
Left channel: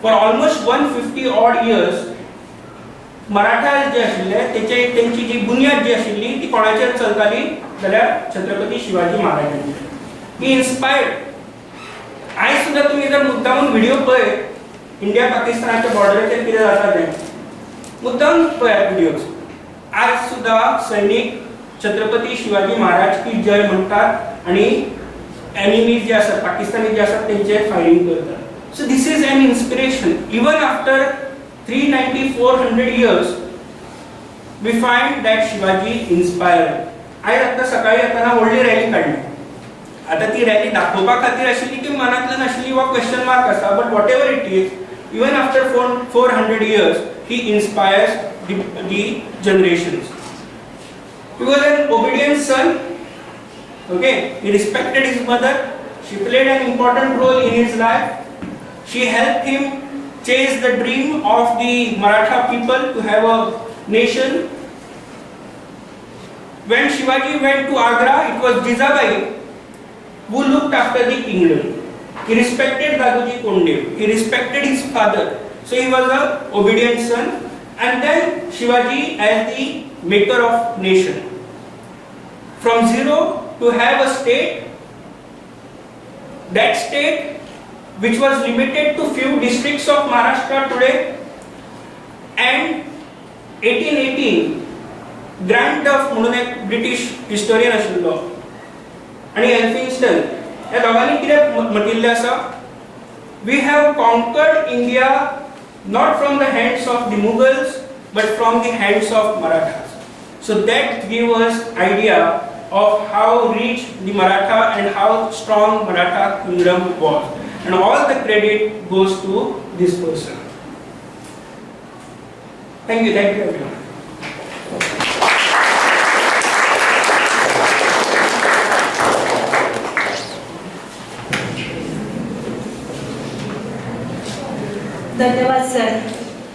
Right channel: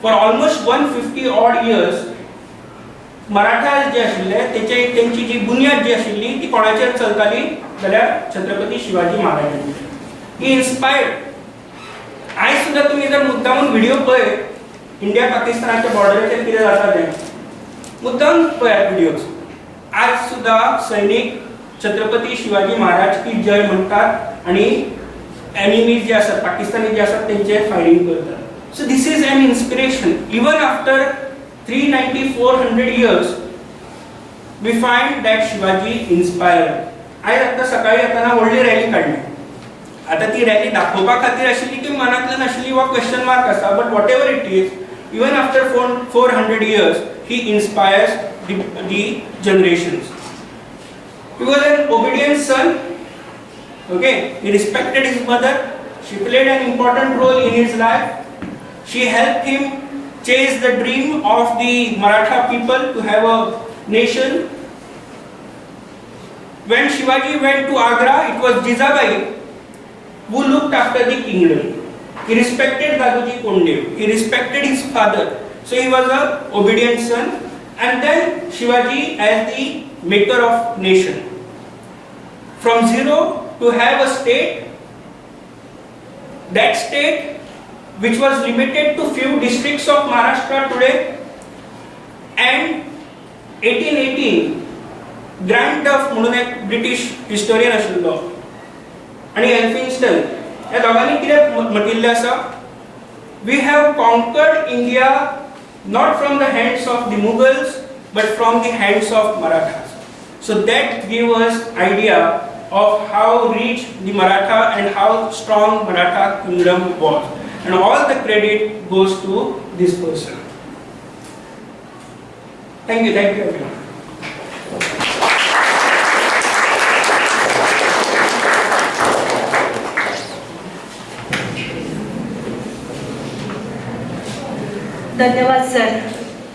For almost 150 odd years Marathas जे आशिल्ले त्यांची जी बुनियाद जी आशिल्ली ती कोणाचेर चलताली जाल्यार छत्रपती शिवाजी महाराजांचेर. ही inspired. आयज सुद्दां तुमी जर मुद्दामून व्हिडिओ पळयत इंडिया पाकिस्तानाच्या बॉर्डराचेर कितें जाता तें मुद्दाम पळयात व्हिडिओज. आज सुद्दां सैनीक छत्रपती शिवाजी महाराज की जय म्हणटात आनी एनिमीज जे आसात पाकिस्तानी जे आसात तेंचेर फायरिंग करतात. So this is an inspiration. Even after 390-400 years we find that Shivaji inspired. आज आता सकाळी येताना व्हडली रॅली काढली. आता ती रॅली दाखोवपा खातीर आशिल्ली की मनांतल्यान आशिल्ली वा क्वेश्चन मार्क आसा, but what ever it is, even after 400 years he inspires the generations. He was an obedient son. Okay, he respected his mother. She played an important role in his life. She helped him chase the dream of the Maratha people to have a nation. When Shivaji went to Agra, it was Jizabai who looked after the kingdom. He respected Daduji Kondev. He respected his father. So he was an obedient son. And then Shivaji as the maker of nation. From zero to have a state, that state which was limited to few districts of Maharashtra today, and 1818 Grant Duff म्हणून एक British historian आशिल्लो आणि Elphinstone ह्या दोगांनी कितें म्हटिल्लें आसा, we have conquered India not from the hands of the Mughals but from the hands of Marathas. So that give us idea of how rich the Maratha and how strong Maratha kingdom was. And all the credit goes to this person. Thank you everyone. धन्यवाद sir.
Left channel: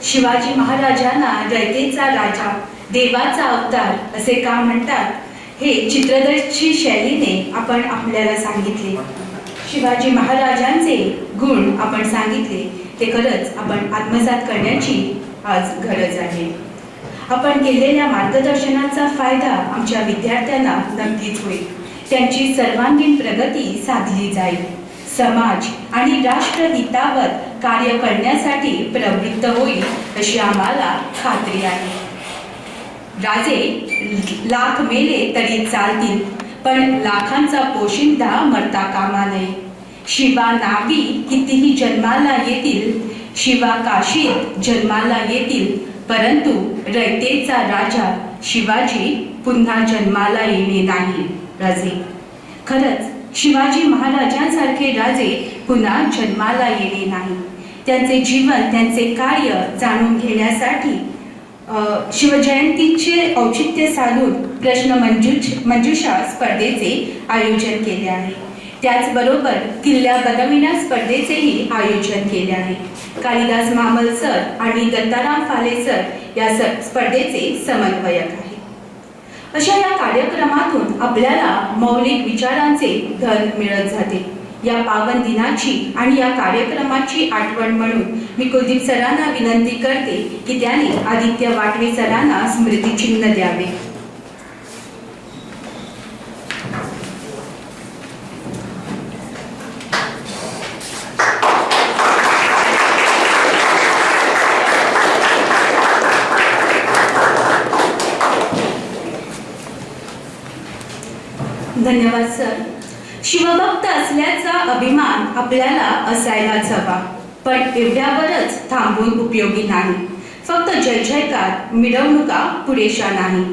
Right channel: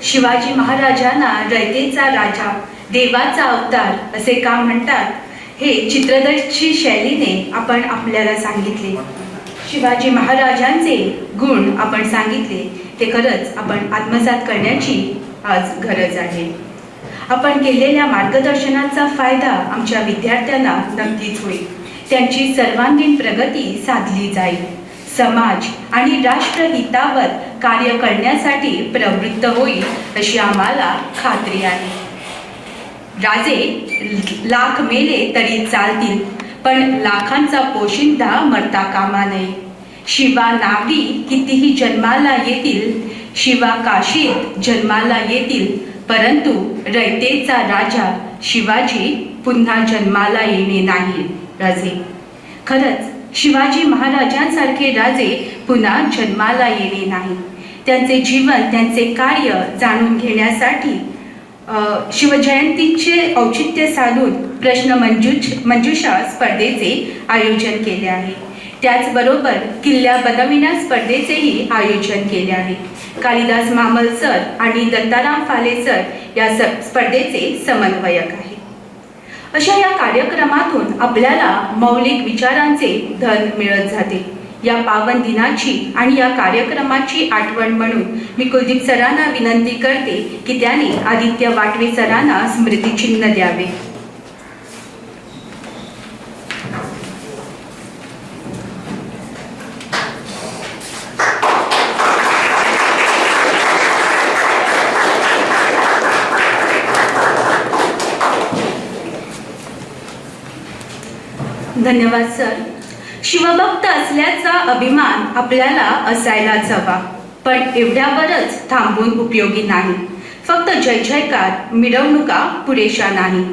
Shivaji महाराजांना रयतेचा राजा, देवाचा अवतार असे का म्हणतात हे चित्रदर्शी शैलीने आपण आपल्याला सांगितले. शिवाजी महाराजांचे गुण आपण सांगितले ते खरंच आपण आत्मसात करण्याची आज गरज आहे. आपण केलेल्या मार्गदर्शनाचा फायदा आमच्या विद्यार्थ्यांना नक्कीच होईल. त्यांची सर्वांगीण प्रगती साधली जाईल. समाज आणि राष्ट्रहितावर कार्य करण्यासाठी प्रवृत्त होईल अशी आम्हाला खात्री आहे. राजे लाख मेले तरी चालतील, पण लाखांचा पोशिंदा मरता कामा नये. शिवा नावी कितीही जन्माला येतील, शिवा काशीत जन्माला येतील, परंतु रयतेचा राजा शिवाजी पुन्हा जन्माला येणे नाही. राजे खरंच शिवाजी महाराजांसारखे राजे पुन्हा जन्माला येणे नाही. त्यांचे जीवन, त्यांचे कार्य जाणून घेण्यासाठी शिवजयंतीचे औचित्य साधून प्रश्न मंजुषा स्पर्धेचे आयोजन केले आहे. त्याचबरोबर किल्ल्या बनविण्या स्पर्धेचेही आयोजन केले आहे. कालिदास मामल सर आणि दत्ताराम फाले सर या स्पर्धेचे समन्वयक आहे. अशा या कार्यक्रमातून आपल्याला मौलिक विचारांचे धन मिळत जाते. या पावन दिनाची आणि या कार्यक्रमाची आठवण म्हणून मी कुलदीप सरांना विनंती करते की त्यांनी आदित्य वाटवे सरांना स्मृतिचिन्ह द्यावे. धन्यवाद सर. शिवभक्त असल्याचा अभिमान आपल्याला असायलाच हवा, पण एवढ्यावरच थांबून उपयोगी नाही. फक्त जय जयकार, मिरवणुका पुरेशा नाही.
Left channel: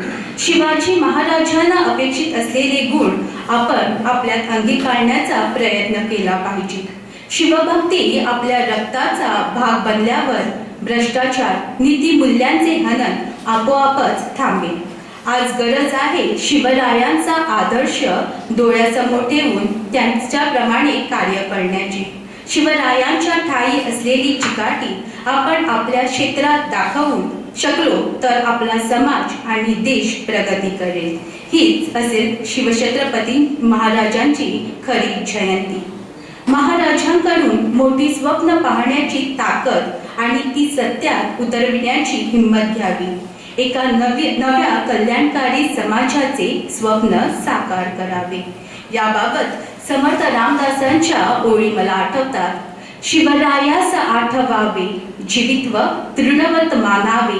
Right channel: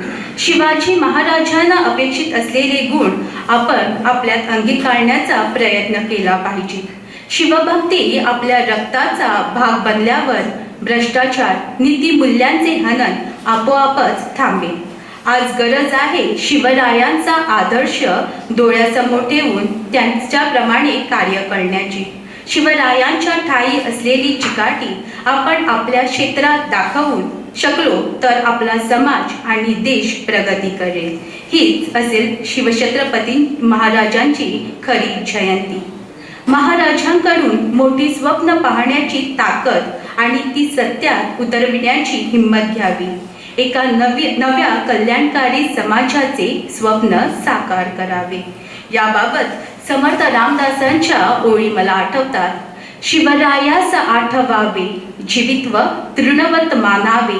शिवाजी महाराजांना अपेक्षित असलेले गुण आपण आपल्यात अंगीकारण्याचा प्रयत्न केला पाहिजे. शिवभक्ती आपल्या रक्ताचा भाग बनल्यावर भ्रष्टाचार, नीतिमूल्यांचे हनन आपोआपच थांबेल. आज गरज आहे शिवरायांचा आदर्श डोळ्यासमोर ठेवून त्यांच्याप्रमाणे कार्य करण्याची. शिवरायांच्या ठायी असलेली चिकाटी आपण आपल्या क्षेत्रात दाखवून शकलो तर आपला समाज आणि देश प्रगती करेल. हीच असेल शिवछत्रपती महाराजांची खरी जयंती. महाराजांकडून मोठी स्वप्न पाहण्याची ताकद आणि ती सत्यात उतरविण्याची हिंमत घ्यावी. एका नव्या कल्याणकारी समाजाचे स्वप्न साकार करावे. याबाबत समर्थ रामदासांच्या ओळी मला आठवतात. शिवरायास आठवावे, जीवित्व तृणवत मानावे,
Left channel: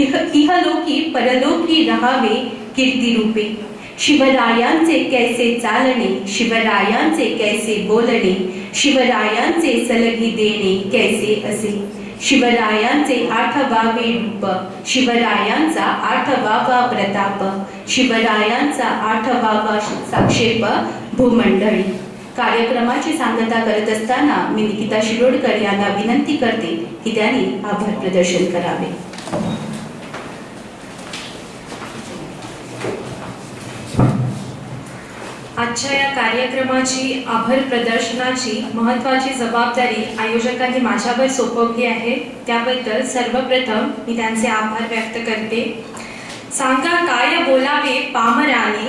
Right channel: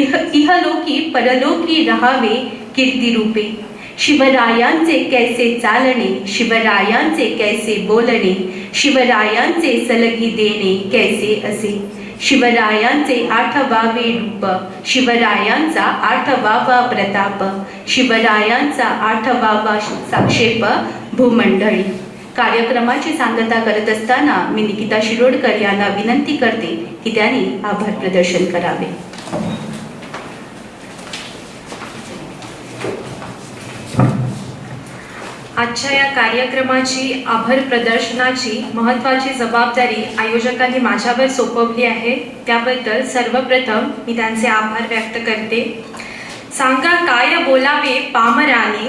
इहलोकी परलोकी रहावे कीर्तिरूपे. शिवरायांचे कैसे चालणे, शिवरायांचे कैसे बोलणे, शिवरायांचे सलगी देणे कैसे असे. शिवरायांचे आठवावे रूप, शिवरायांचा आठवावा प्रताप, शिवरायांचा आठवावा साक्षेप भूमंडळी. कार्यक्रमाची सांगता करत असताना मी निकिता शिरोडकर यांना विनंती करते की त्यांनी आभार प्रदर्शन करावे. आजच्या या कार्यक्रमाची आभार प्रदर्शनाची महत्त्वाची जबाबदारी आयोजकांनी माझ्यावर सोपवली आहे. त्याबद्दल सर्वप्रथम मी त्यांचे आभार व्यक्त करते. सांगा काय बोलावे पामराने,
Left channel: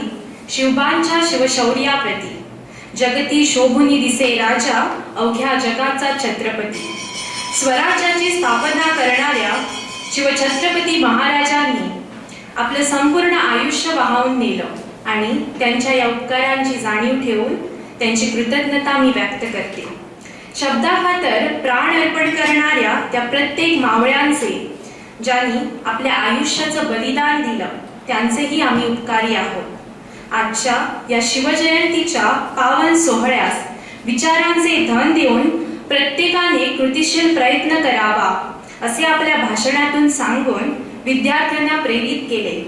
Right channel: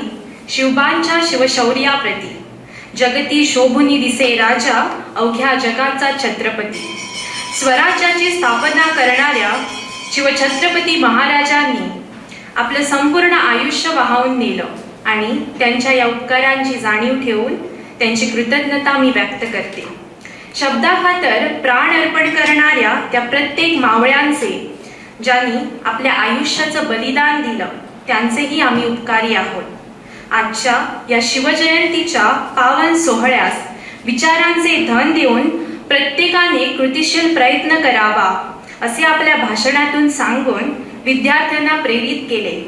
शिवबांच्या शिवशौर्याप्रती. जगती शोभुनी दिसे राजा, अवघ्या जगाचा छत्रपती. स्वराज्याची स्थापना करणाऱ्या शिवछत्रपती महाराजांनी आपलं संपूर्ण आयुष्य वाहून नेलं आणि त्यांच्या या उपकारांची जाणीव ठेवून त्यांची कृतज्ञता मी व्यक्त करते. शब्दाखातर प्राण अर्पण करणाऱ्या त्या प्रत्येक मावळ्यांचे, ज्यांनी आपल्या आयुष्याचं बलिदान दिलं, त्यांचेही आम्ही उपकारी आहोत. आजच्या या शिवजयंतीच्या पावन सोहळ्यास विचारांचे धन देऊन प्रत्येकाने कृतिशील प्रयत्न करावा असे आपल्या भाषणातून सांगून विद्यार्थ्यांना प्रेरित केले.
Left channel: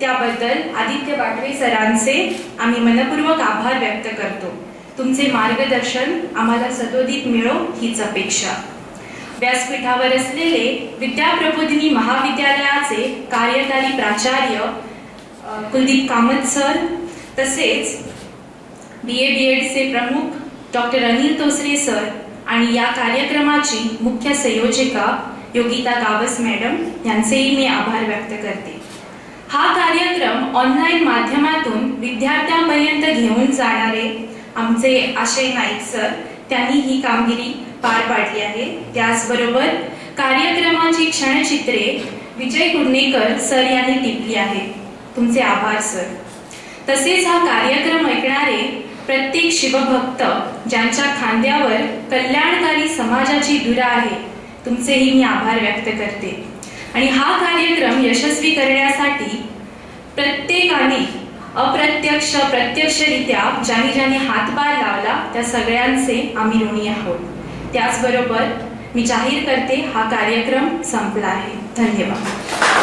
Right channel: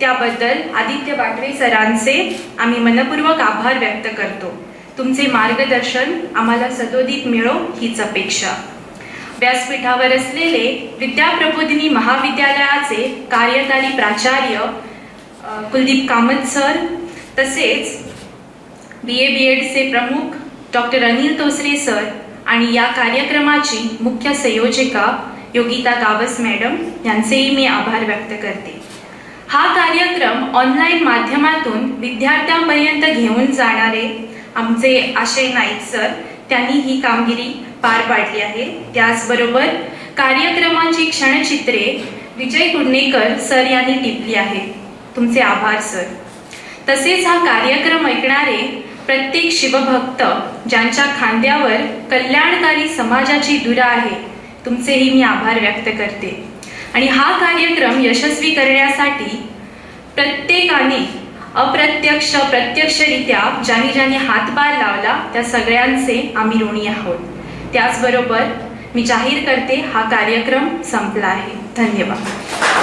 त्याबद्दल आदित्य वाटवे सरांचे आम्ही मनपूर्वक आभार व्यक्त करतो. तुमचे मार्गदर्शन आम्हाला सदोदित मिळो हीच अपेक्षा. व्यासपीठावर असलेले विद्याप्रबोधिनी महाविद्यालयाचे कार्यकारी प्राचार्य कुलदीप कामत सर, तसेच BA BEdचे प्रमुख डॉक्टर अनिल तोसरे सर आणि या कार्यक्रमाची मुख्य संयोजिका योगिता गावस मॅडम यांचेही मी आभार व्यक्त करते. हा कार्यक्रम ऑनलाईन माध्यमातून विद्यार्थ्यांपर्यंत घेऊन जाणारे आमचे आशय नाईक सर, त्यांनी ही कामगिरी पार पाडली आहे. त्याचबरोबर कार्यक्रमाची क्षणचित्रे विजय कुडणेकर सर यांनी टिपली आहेत. तुमचे आभार सर. तसेच हा कार्यक्रम ऐकणारे प्रत्येक शिवभक्त ज्यांच्या खांद्यावर कल्याणकारी समाजाची धुरा आहे, तुमचेही मी आभार व्यक्त करते. आणि हा कार्यक्रम यशस्वी करण्यासाठी प्रत्येकाने अप्रत्यक्ष प्रत्यक्षरित्या ज्यांनी हातभार लावला त्या सगळ्यांचे आम्ही ऋणी आहोत. त्याचबरोबर मी जाहीर करते, हा कार्यक्रम संपला आहे. धन्यवाद.